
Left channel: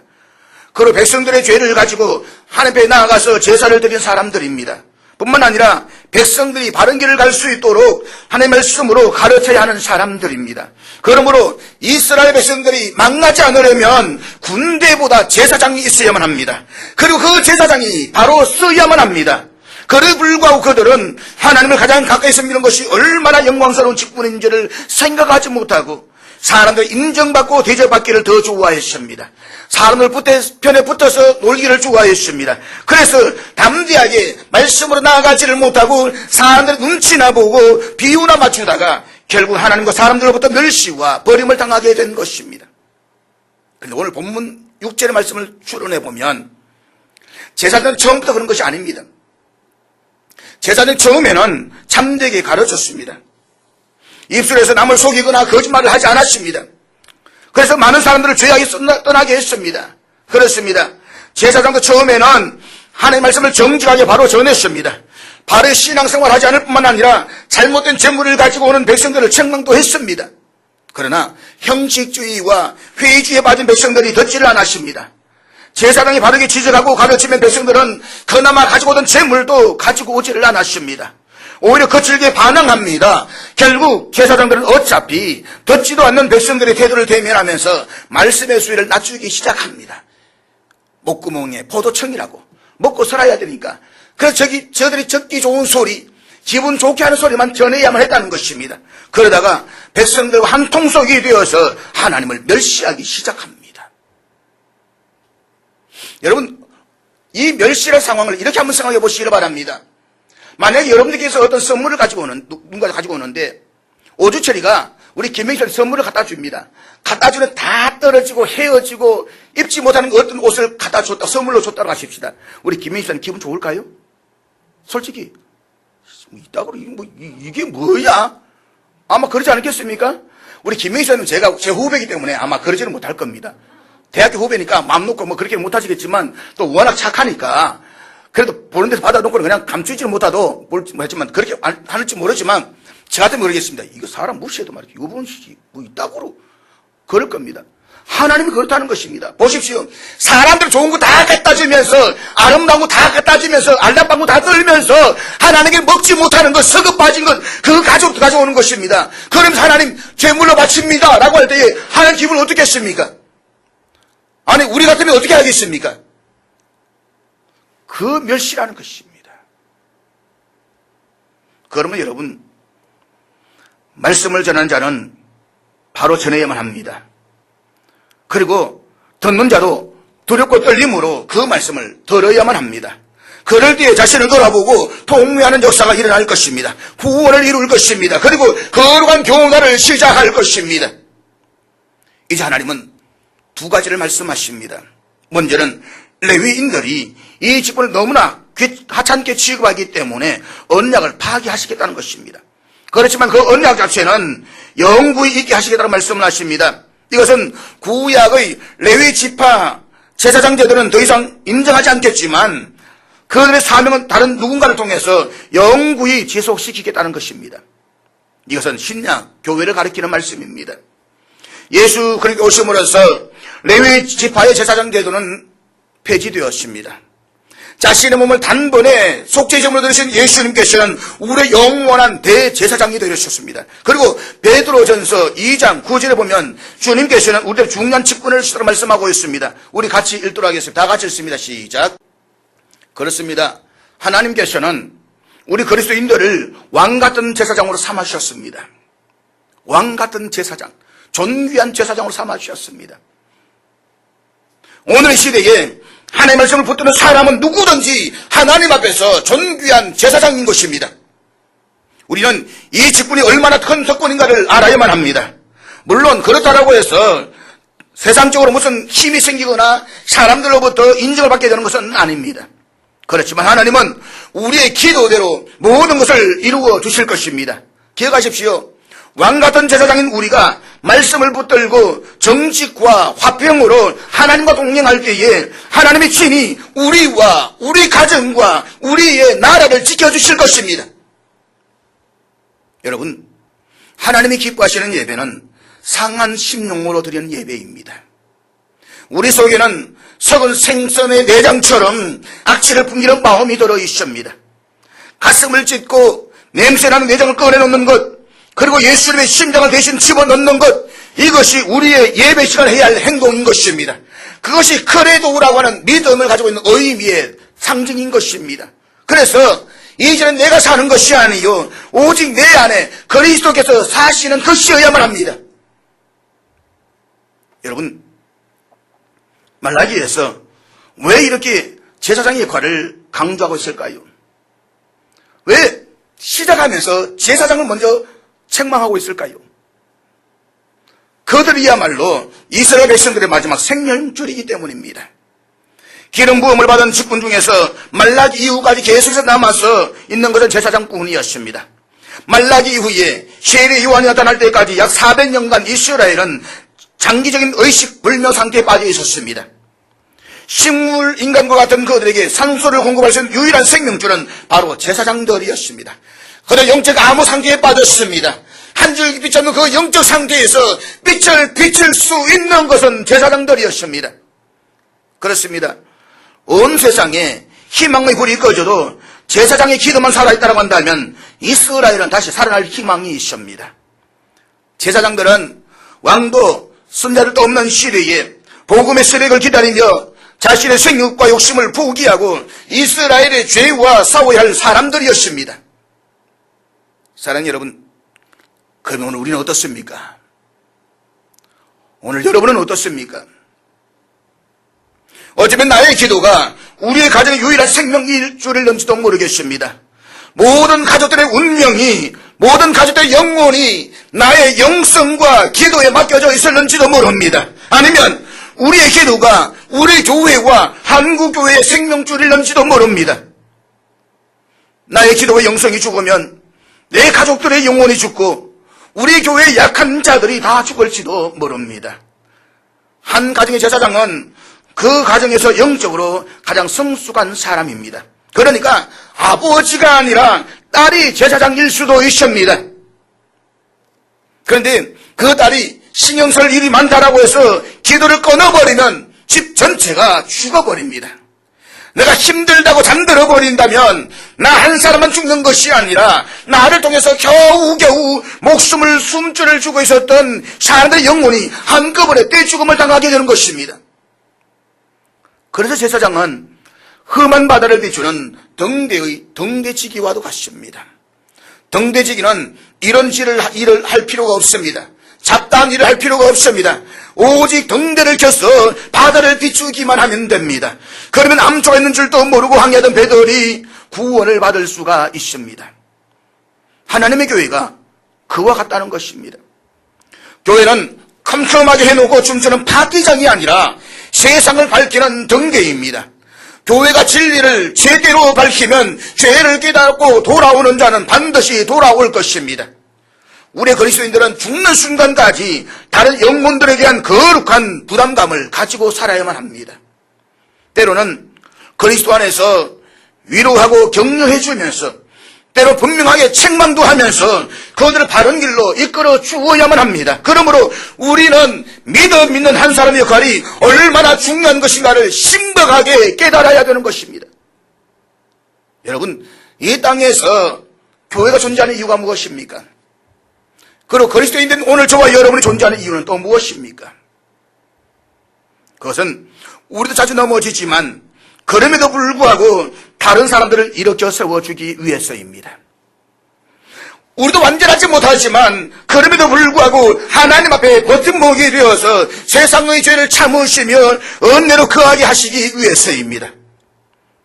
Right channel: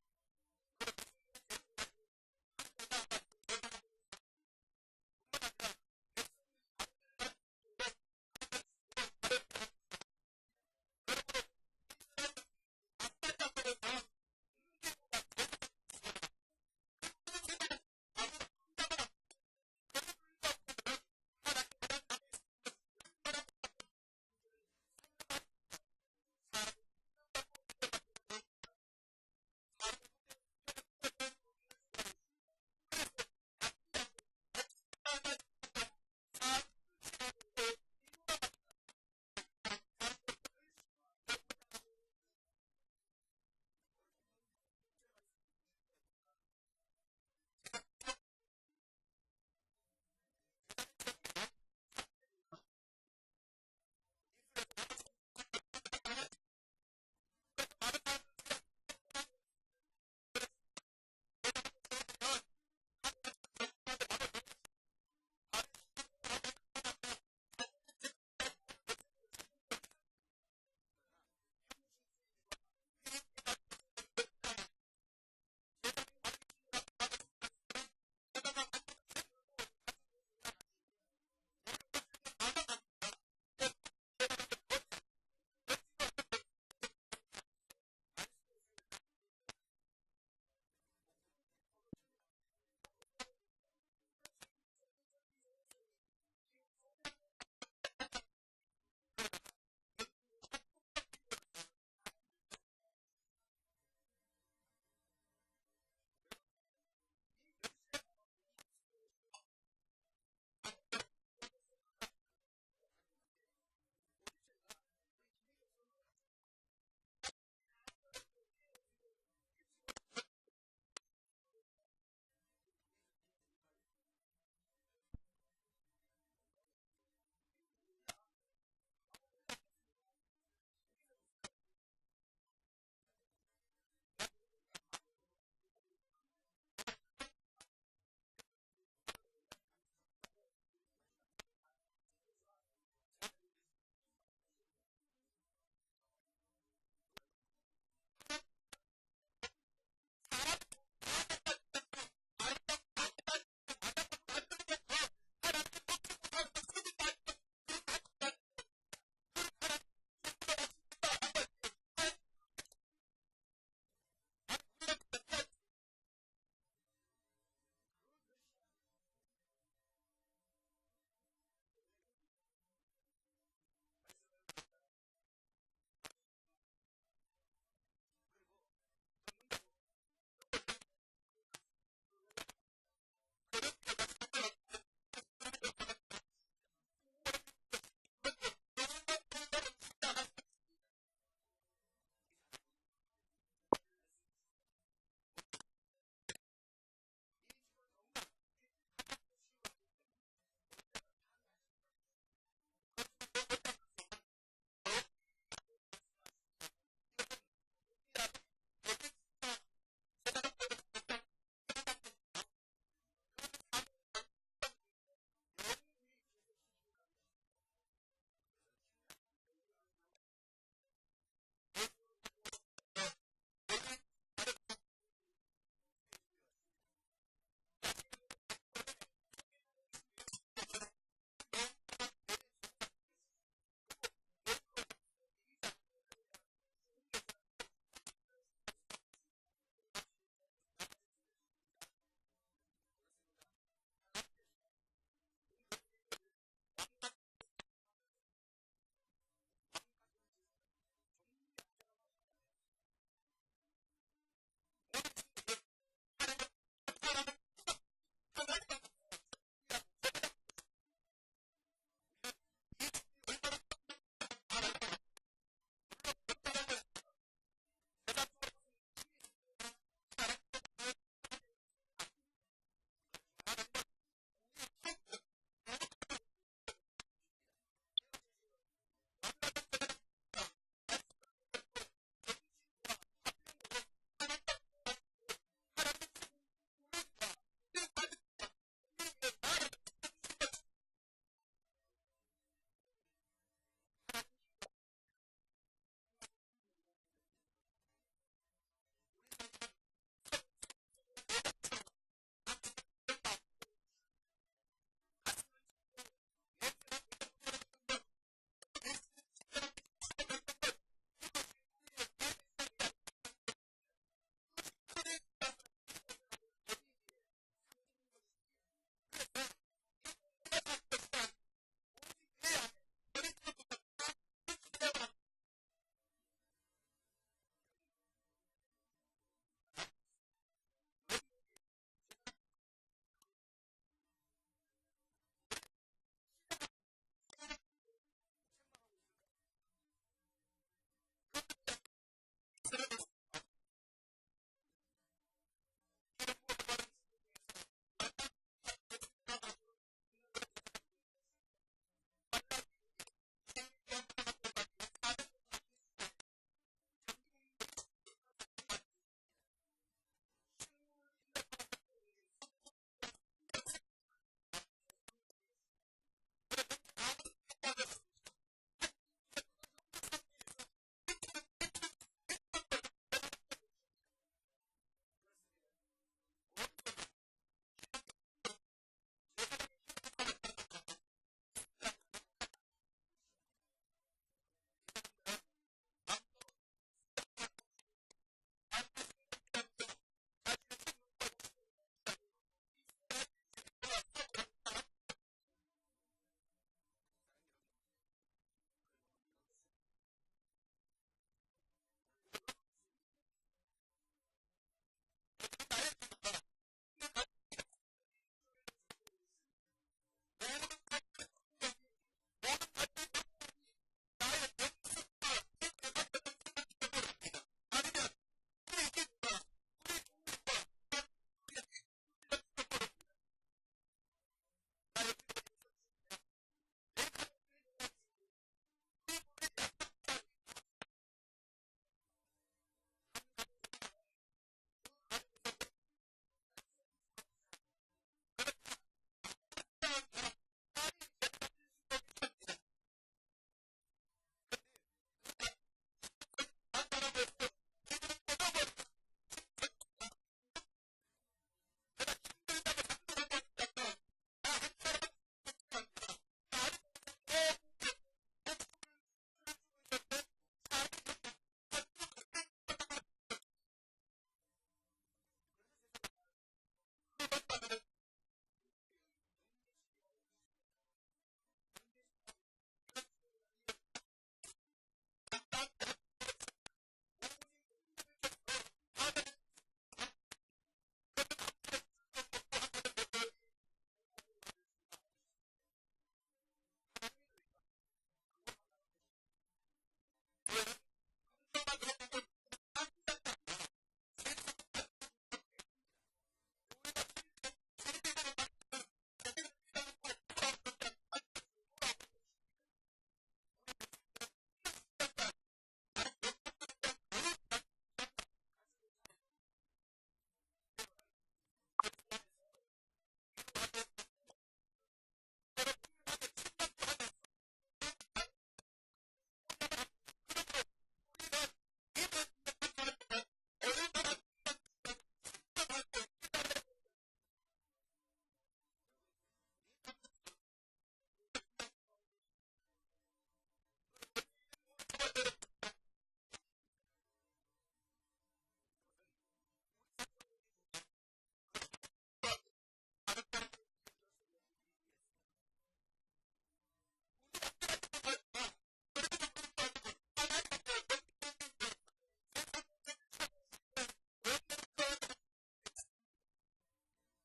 그리고 백성들의 죄를 가지고 하나님 앞에 나아가서 제사를 드린 사람들입니다. 뿐만 아니라 백성들이 바른 길을 갈 수 있도록 하나님의 말씀으로 가르쳐야 하는 사람들입니다. 그러므로 이스라엘 백성들이 망하지 않으려면 군대보다 제사장이 있어야만 합니다. 그리고 그 제사장이 바로 써야만 합니다. 그에 불구하고 그들은 하나님을 가장 가까이서 믿는 것이 얼마나 영광스러운 직분인지를 생각하지 못하고 사람들 인정받고 대접받기를 더 좋아했습니다. 사람들 편에 붙어서 놀기를 좋아했습니다. 그래서 담대하게 말씀으로 나아가지를 못하고 사람들 눈치나 보고 비유나 맞추다가 결국 하나님과 사람들로부터 멸시와 버림을 당하게 된 것입니다. 그런데 오늘 본문 6절의 말씀을 추론해보면 제사장은 처음부터 그런 것이 아닙니다. 제사장은 처음에는 참되게 가르쳤습니다. 입술에서 남을 속이거나 거짓말을 하지 않았습니다. 그래서 많은 사람들을 죄악에 떠나게 했습니다. 그렇습니다. 제사장도 처음에는 하나님의 말씀을 정직하게 바로 전했습니다. 바로 신앙생활을 하지 않을 뿐만 아니라 잘못된 재물을 가지고 오는 백성들을 책망도 했습니다. 그러나 형식주의와 회의주의에 빠진 백성들이 듣지를 않았습니다. 제사장이 바르게 지적하고 가르치면 백성들은 그나마 가지고 오던 재물도 가지고 오지를 않았습니다. 오히려 거칠게 반항합니다. 결국 제사장들은 어차피 듣지도 않는 백성들의 태도를 대면하면서 말씀의 수위를 낮추기 시작합니다. 목구멍에 포도청이라고 먹고 살아야 되니까 그래서 저들이 듣기 좋은 소리, 기분 좋게 하는 소리만 전해야만 했다는 것입니다. 그러다가 백성들과 한 통속이 되어서 하나님을 멸시하기 시작합니다. 여러분, 이 멸시의 상황을 이렇게 한번 생각해 보시기 바랍니다. 만약에 여러분들께서 어떤 선물을 누군가 가지고 오는데, 오주철이가 우리 김명희한테 선물을 갖다 줍니다. 갖다 주는 다 떨어지고 헤어지고 입지 못하는 어떤 옷을 갖다 줬다, 선물로 줬다고 하십시다. 우리 김명희한테 기분 좋을까요? 솔직히, 이게 뭐야? 아마 그러지 않겠습니까? 우리 김명희는 제 후배이기 때문에 아마 그러지는 못할 겁니다. 대학교 후배니까 마음 놓고 그렇게 못하시겠지만 또 워낙 착하니까 그래도 보는 데서 받아놓고 그냥 감추지는 못하도 했지만 그렇게 하는지 모르지만 저 같으면 모르겠습니다. 이거 사람 무시해도 말이죠. 이번 시기 뭐 있다고로 그럴 겁니다. 하나님이 그렇다는 것입니다. 보십시오. 사람들 좋은 거 다 갖다 주면서 아름다운 거 다 갖다 주면서 알람방 거 다 떨면서 하나님께 먹지 못하는 것, 서급 빠진 것 그거 가져오는 것입니다. 그러면서 하나님 제물로 바칩니다 라고 할 때에 하나님 기분을 어떻게 했습니까? 아니 우리 같으면 어떻게 하겠습니까? 그 멸시라는 것입니다. 그러면 여러분, 말씀을 전하는 자는 바로 전해야만 합니다. 그리고 듣는 자도 두렵고 떨림으로 그 말씀을 들어야만 합니다. 그럴 때에 자신을 돌아보고 통회하는 역사가 일어날 것입니다. 구원을 이룰 것입니다. 그리고 거룩한 교훈을 시작할 것입니다. 이제 하나님은 두 가지를 말씀하십니다. 먼저는 레위인들이 이 직분을 너무나 하찮게 취급하기 때문에 언약을 파기하시겠다는 것입니다. 그렇지만 그 언약 자체는 영구히 있게 하시겠다는 말씀을 하십니다. 이것은 구약의 레위 지파 제사장제들은 더 이상 인정하지 않겠지만 그들의 사명은 다른 누군가를 통해서 영구히 지속시키겠다는 것입니다. 이것은 신약 교회를 가리키는 말씀입니다. 예수 그리스도 오심으로써 레위 지파의 제사장제도는 폐지되었습니다. 자신의 몸을 단번에 속죄제물로 드리신 예수님께서는 우리의 영원한 대제사장이 되셨습니다. 그리고 베드로전서 2장 9절에 보면 주님께서는 우리의 중요한 직분을 주시라고 말씀하고 있습니다. 우리 같이 읽도록 하겠습니다. 다 같이 읽습니다. 시작. 그렇습니다. 하나님께서는 우리 그리스도인들을 왕같은 제사장으로 삼아주셨습니다. 왕같은 제사장, 존귀한 제사장으로 삼아주셨습니다. 오늘 시대에 하나님의 말씀을 붙드는 사람은 누구든지 하나님 앞에서 존귀한 제사장인 것입니다. 우리는 이 직분이 얼마나 큰 특권인가를 알아야만 합니다. 물론 그렇다고 해서 세상적으로 무슨 힘이 생기거나 사람들로부터 인정을 받게 되는 것은 아닙니다. 그렇지만 하나님은 우리의 기도대로 모든 것을 이루어 주실 것입니다. 기억하십시오. 왕같은 제사장인 우리가 말씀을 붙들고 정직과 화평으로 하나님과 동행할 때에 하나님의 친히 우리와 우리 가정과 우리의 나라를 지켜주실 것입니다. 여러분, 하나님이 기뻐하시는 예배는 상한 심령으로 드리는 예배입니다. 우리 속에는 썩은 생선의 내장처럼 악취를 풍기는 마음이 들어 있습니다. 가슴을 찢고 냄새나는 내장을 꺼내놓는 것, 그리고 예수님의 심장을 대신 집어넣는 것, 이것이 우리의 예배 시간에 해야 할 행동인 것입니다. 그것이 크레도라고 하는 믿음을 가지고 있는 의미의 상징인 것입니다. 그래서 이제는 내가 사는 것이 아니요 오직 내 안에 그리스도께서 사시는 것이어야만 합니다. 여러분, 말라기에서 왜 이렇게 제사장의 역할을 강조하고 있을까요? 왜 시작하면서 제사장을 먼저 책망하고 있을까요? 그들이야말로 이스라엘 백성들의 마지막 생명줄이기 때문입니다. 기름 부음을 받은 직분 중에서 말라기 이후까지 계속해서 남아서 있는 것은 제사장뿐이었습니다. 말라기 이후에 세례 요한이 나타날 때까지 약 400년간 이스라엘은 장기적인 의식불명 상태에 빠져 있었습니다. 식물 인간과 같은 그들에게 산소를 공급할 수 있는 유일한 생명줄은 바로 제사장들이었습니다. 그들 영적 암호 상태에 빠졌습니다. 한 줄기 빛 없는 그 영적 상태에서 빛을 비칠 수 있는 것은 제사장들이었습니다. 그렇습니다. 온 세상에 희망의 불이 꺼져도 제사장의 기도만 살아있다고 한다면 이스라엘은 다시 살아날 희망이 있습니다. 제사장들은 왕도 선자들도 없는 시대에 복음의 세력을 기다리며 자신의 생육과 욕심을 포기하고 이스라엘의 죄와 싸워야 할 사람들이었습니다. 사랑하는 여러분, 그러면 오늘 우리는 어떻습니까? 오늘 여러분은 어떻습니까? 어쩌면 나의 기도가 우리의 가정의 유일한 생명일줄일는지도 모르겠습니다. 모든 가족들의 운명이, 모든 가족들의 영혼이 나의 영성과 기도에 맡겨져 있었는지도 모릅니다. 아니면 우리의 기도가 우리 교회와 한국교회의 생명줄일는지도 모릅니다. 나의 기도와 영성이 죽으면 내 가족들의 영혼이 죽고 우리 교회의 약한 자들이 다 죽을지도 모릅니다. 한 가정의 제사장은 그 가정에서 영적으로 가장 성숙한 사람입니다. 그러니까 아버지가 아니라 딸이 제사장일 수도 있습니다. 그런데 그 딸이 신경 쓸 일이 많다라고 해서 기도를 끊어버리면 집 전체가 죽어버립니다. 내가 힘들다고 잠들어 버린다면 나 한 사람만 죽는 것이 아니라 나를 통해서 겨우겨우 목숨을 숨줄을 주고 있었던 사람들의 영혼이 한꺼번에 떼죽음을 당하게 되는 것입니다. 그래서 제사장은 험한 바다를 비추는 등대지기와도 같습니다. 등대지기는 이런 일을 할 필요가 없습니다. 잡다한 일을 할 필요가 없습니다. 오직 등대를 켜서 바다를 비추기만 하면 됩니다. 그러면 암초가 있는 줄도 모르고 항해하던 배들이 구원을 받을 수가 있습니다. 하나님의 교회가 그와 같다는 것입니다. 교회는 컴컴하게 해놓고 춤추는 파티장이 아니라 세상을 밝히는 등대입니다. 교회가 진리를 제대로 밝히면 죄를 깨닫고 돌아오는 자는 반드시 돌아올 것입니다. 우리 그리스도인들은 죽는 순간까지 다른 영혼들에 대한 거룩한 부담감을 가지고 살아야만 합니다. 때로는 그리스도 안에서 위로하고 격려해 주면서 때로 분명하게 책망도 하면서 그들을 바른 길로 이끌어 주어야만 합니다. 그러므로 우리는 믿는 한 사람의 역할이 얼마나 중요한 것인가를 심각하게 깨달아야 되는 것입니다. 여러분, 이 땅에서 교회가 존재하는 이유가 무엇입니까? 그리고 그리스도인된 오늘 저와 여러분이 존재하는 이유는 또 무엇입니까? 그것은 우리도 자주 넘어지지만 그럼에도 불구하고 다른 사람들을 일으켜 세워주기 위해서입니다. 우리도 완전하지 못하지만 그럼에도 불구하고 하나님 앞에 버팀목이 되어서 세상의 죄를 참으시며 은혜로 거하게 하시기 위해서입니다.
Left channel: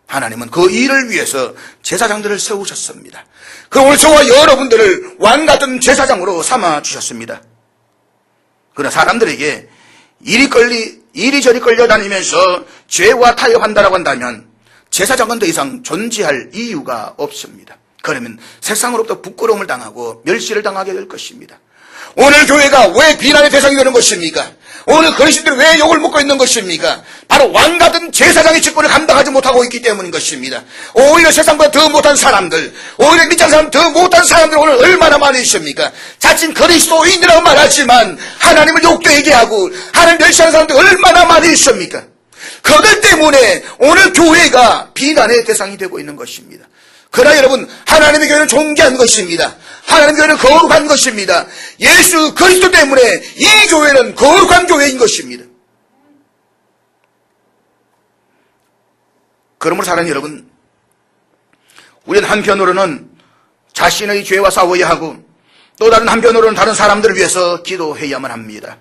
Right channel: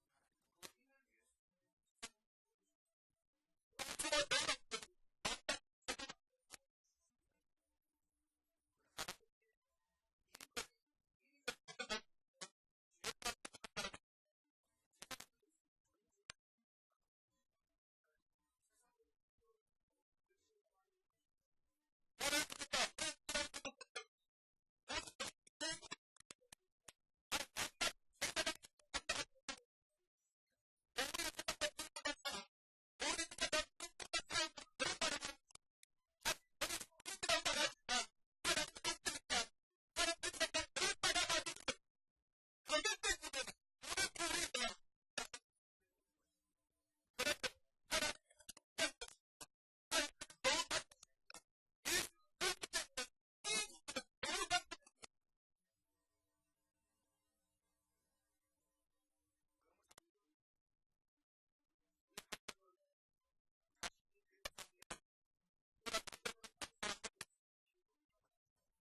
하나님은 그 일을 위해서 제사장들을 세우셨습니다. 그럼 오늘 저와 여러분들을 왕같은 제사장으로 삼아주셨습니다. 그러나 사람들에게 이리저리 끌려다니면서 죄와 타협한다라고 한다면 제사장은 더 이상 존재할 이유가 없습니다. 그러면 세상으로부터 부끄러움을 당하고 멸시를 당하게 될 것입니다. 오늘 교회가 왜 비난의 대상이 되는 것입니까? 오늘 그리스도인들이 왜 욕을 먹고 있는 것입니까? 바로 왕같은 제사장의 직분을 감당하지 못하고 있기 때문인 것입니다. 오히려 세상보다 더 못한 사람들, 오히려 믿지 않는 사람 더 못한 사람들 오늘 얼마나 많이 있습니까? 자칭 그리스도인이라고 말하지만 하나님을 욕되게 하고 하나님 멸시하는 사람들 얼마나 많이 있습니까? 그들 때문에 오늘 교회가 비난의 대상이 되고 있는 것입니다. 그러나 여러분, 하나님의 교회는 존귀한 것입니다. 하나님의 교회는 거룩한 것입니다. 예수 그리스도 때문에 이 교회는 거룩한 교회인 것입니다. 그러므로 사랑하는 여러분, 우리는 한편으로는 자신의 죄와 싸워야 하고 또 다른 한편으로는 다른 사람들을 위해서 기도해야만 합니다.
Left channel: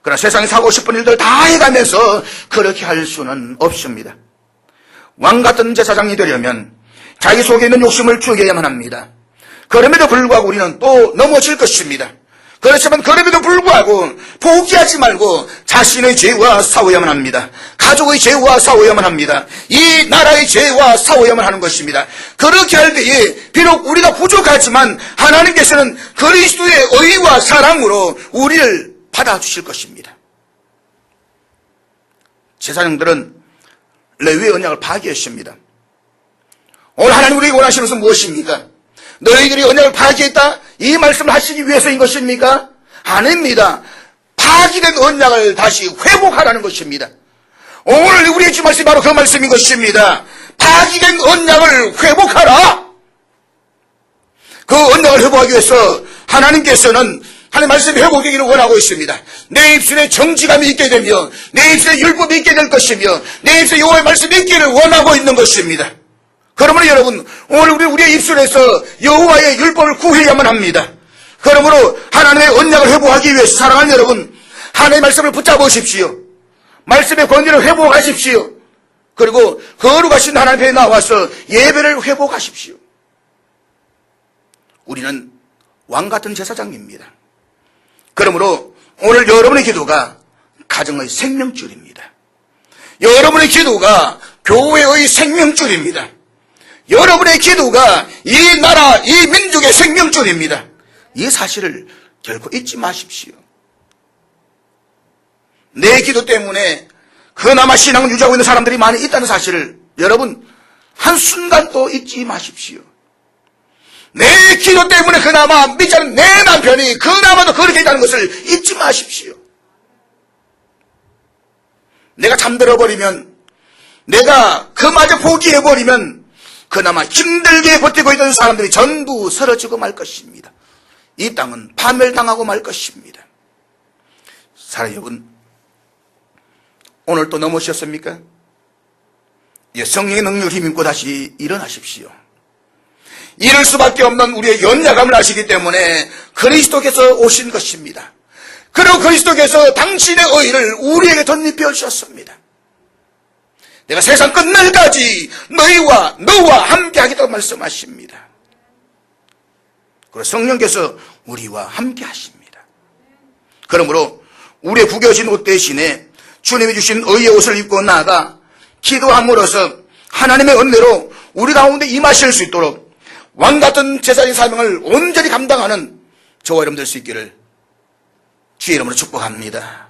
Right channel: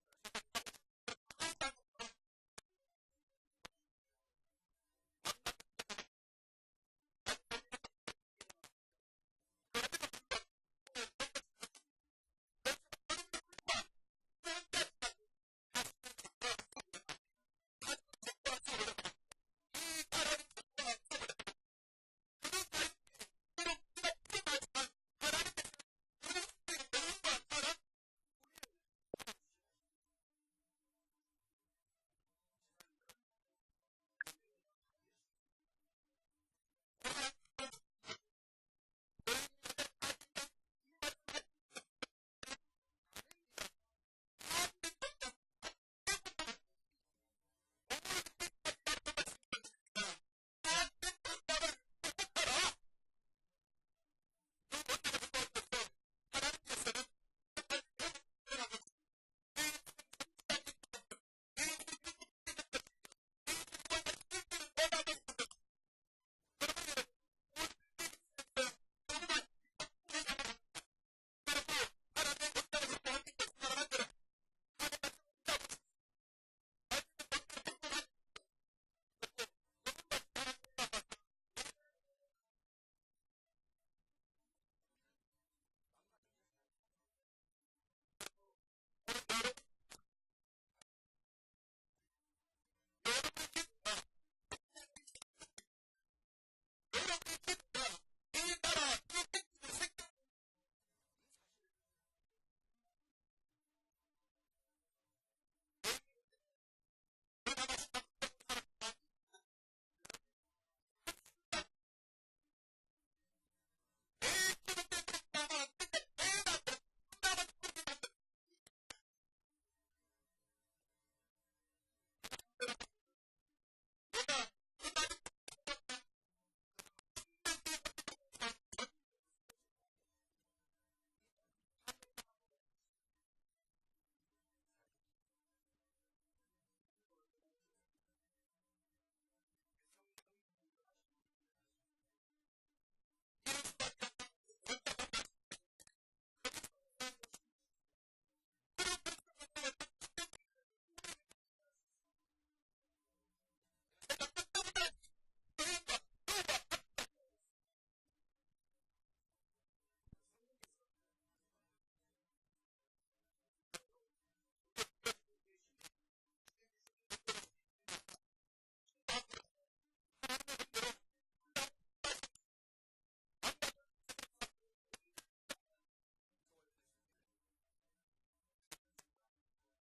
그러나 세상에 사고 싶은 일들 다 해가면서 그렇게 할 수는 없습니다. 왕같은 제사장이 되려면 자기 속에 있는 욕심을 죽여야만 합니다. 그럼에도 불구하고 우리는 또 넘어질 것입니다. 그렇지만 그럼에도 불구하고 포기하지 말고 자신의 죄와 싸워야만 합니다. 가족의 죄와 싸워야만 합니다. 이 나라의 죄와 싸워야만 하는 것입니다. 그렇게 할 때에 비록 우리가 부족하지만 하나님께서는 그리스도의 의와 사랑으로 우리를 받아주실 것입니다. 제사장들은 레위의 언약을 파기했습니다. 오늘 하나님 우리에게 원하시는 것은 무엇입니까? 너희들이 언약을 파기했다? 이 말씀을 하시기 위해서인 것입니까? 아닙니다. 파기된 언약을 다시 회복하라는 것입니다. 오늘 우리의 주 말씀이 바로 그 말씀인 것입니다. 파기된 언약을 회복하라. 그 언약을 회복하기 위해서 하나님께서는 하나님 말씀이 회복되기를 원하고 있습니다. 내 입술에 정직함이 있게 되며 내 입술에 율법이 있게 될 것이며 내 입술에 여호와의 말씀이 있기를 원하고 있는 것입니다. 그러므로 여러분, 오늘 우리의 입술에서 여호와의 율법을 구해야만 합니다. 그러므로 하나님의 언약을 회복하기 위해서 사랑하는 여러분, 하나님의 말씀을 붙잡으십시오. 말씀의 권위를 회복하십시오. 그리고 거룩하신 하나님 앞에 나와서 예배를 회복하십시오. 우리는 왕같은 제사장입니다. 그러므로 오늘 여러분의 기도가 가정의 생명줄입니다. 여러분의 기도가 교회의 생명줄입니다. 여러분의 기도가 이 나라, 이 민족의 생명줄입니다. 이 사실을 결코 잊지 마십시오. 내 기도 때문에 그나마 신앙을 유지하고 있는 사람들이 많이 있다는 사실을 여러분 한순간도 잊지 마십시오. 내 기도 때문에 그나마 믿지 않는 내 남편이 그나마도 그렇게 있다는 것을 잊지 마십시오. 내가 잠들어버리면, 내가 그마저 포기해버리면 그나마 힘들게 버티고 있던 사람들이 전부 사라지고 말 것입니다. 이 땅은 파멸당하고 말 것입니다. 사랑하는 여러분, 오늘 또 넘어오셨습니까? 성령의 능력을 힘입고 다시 일어나십시오. 이럴 수밖에 없는 우리의 연약함을 아시기 때문에 그리스도께서 오신 것입니다. 그리고 그리스도께서 당신의 의를 우리에게 덧입혀 주셨습니다. 내가 세상 끝날까지 너와 함께 하겠다고 말씀하십니다. 그리고 성령께서 우리와 함께 하십니다. 그러므로 우리의 구겨진 옷 대신에 주님이 주신 의의 옷을 입고 나아가 기도함으로써 하나님의 은혜로 우리 가운데 임하실 수 있도록 왕같은 제사장의 사명을 온전히 감당하는 저와 여러분 될 수 있기를 주의 이름으로 축복합니다.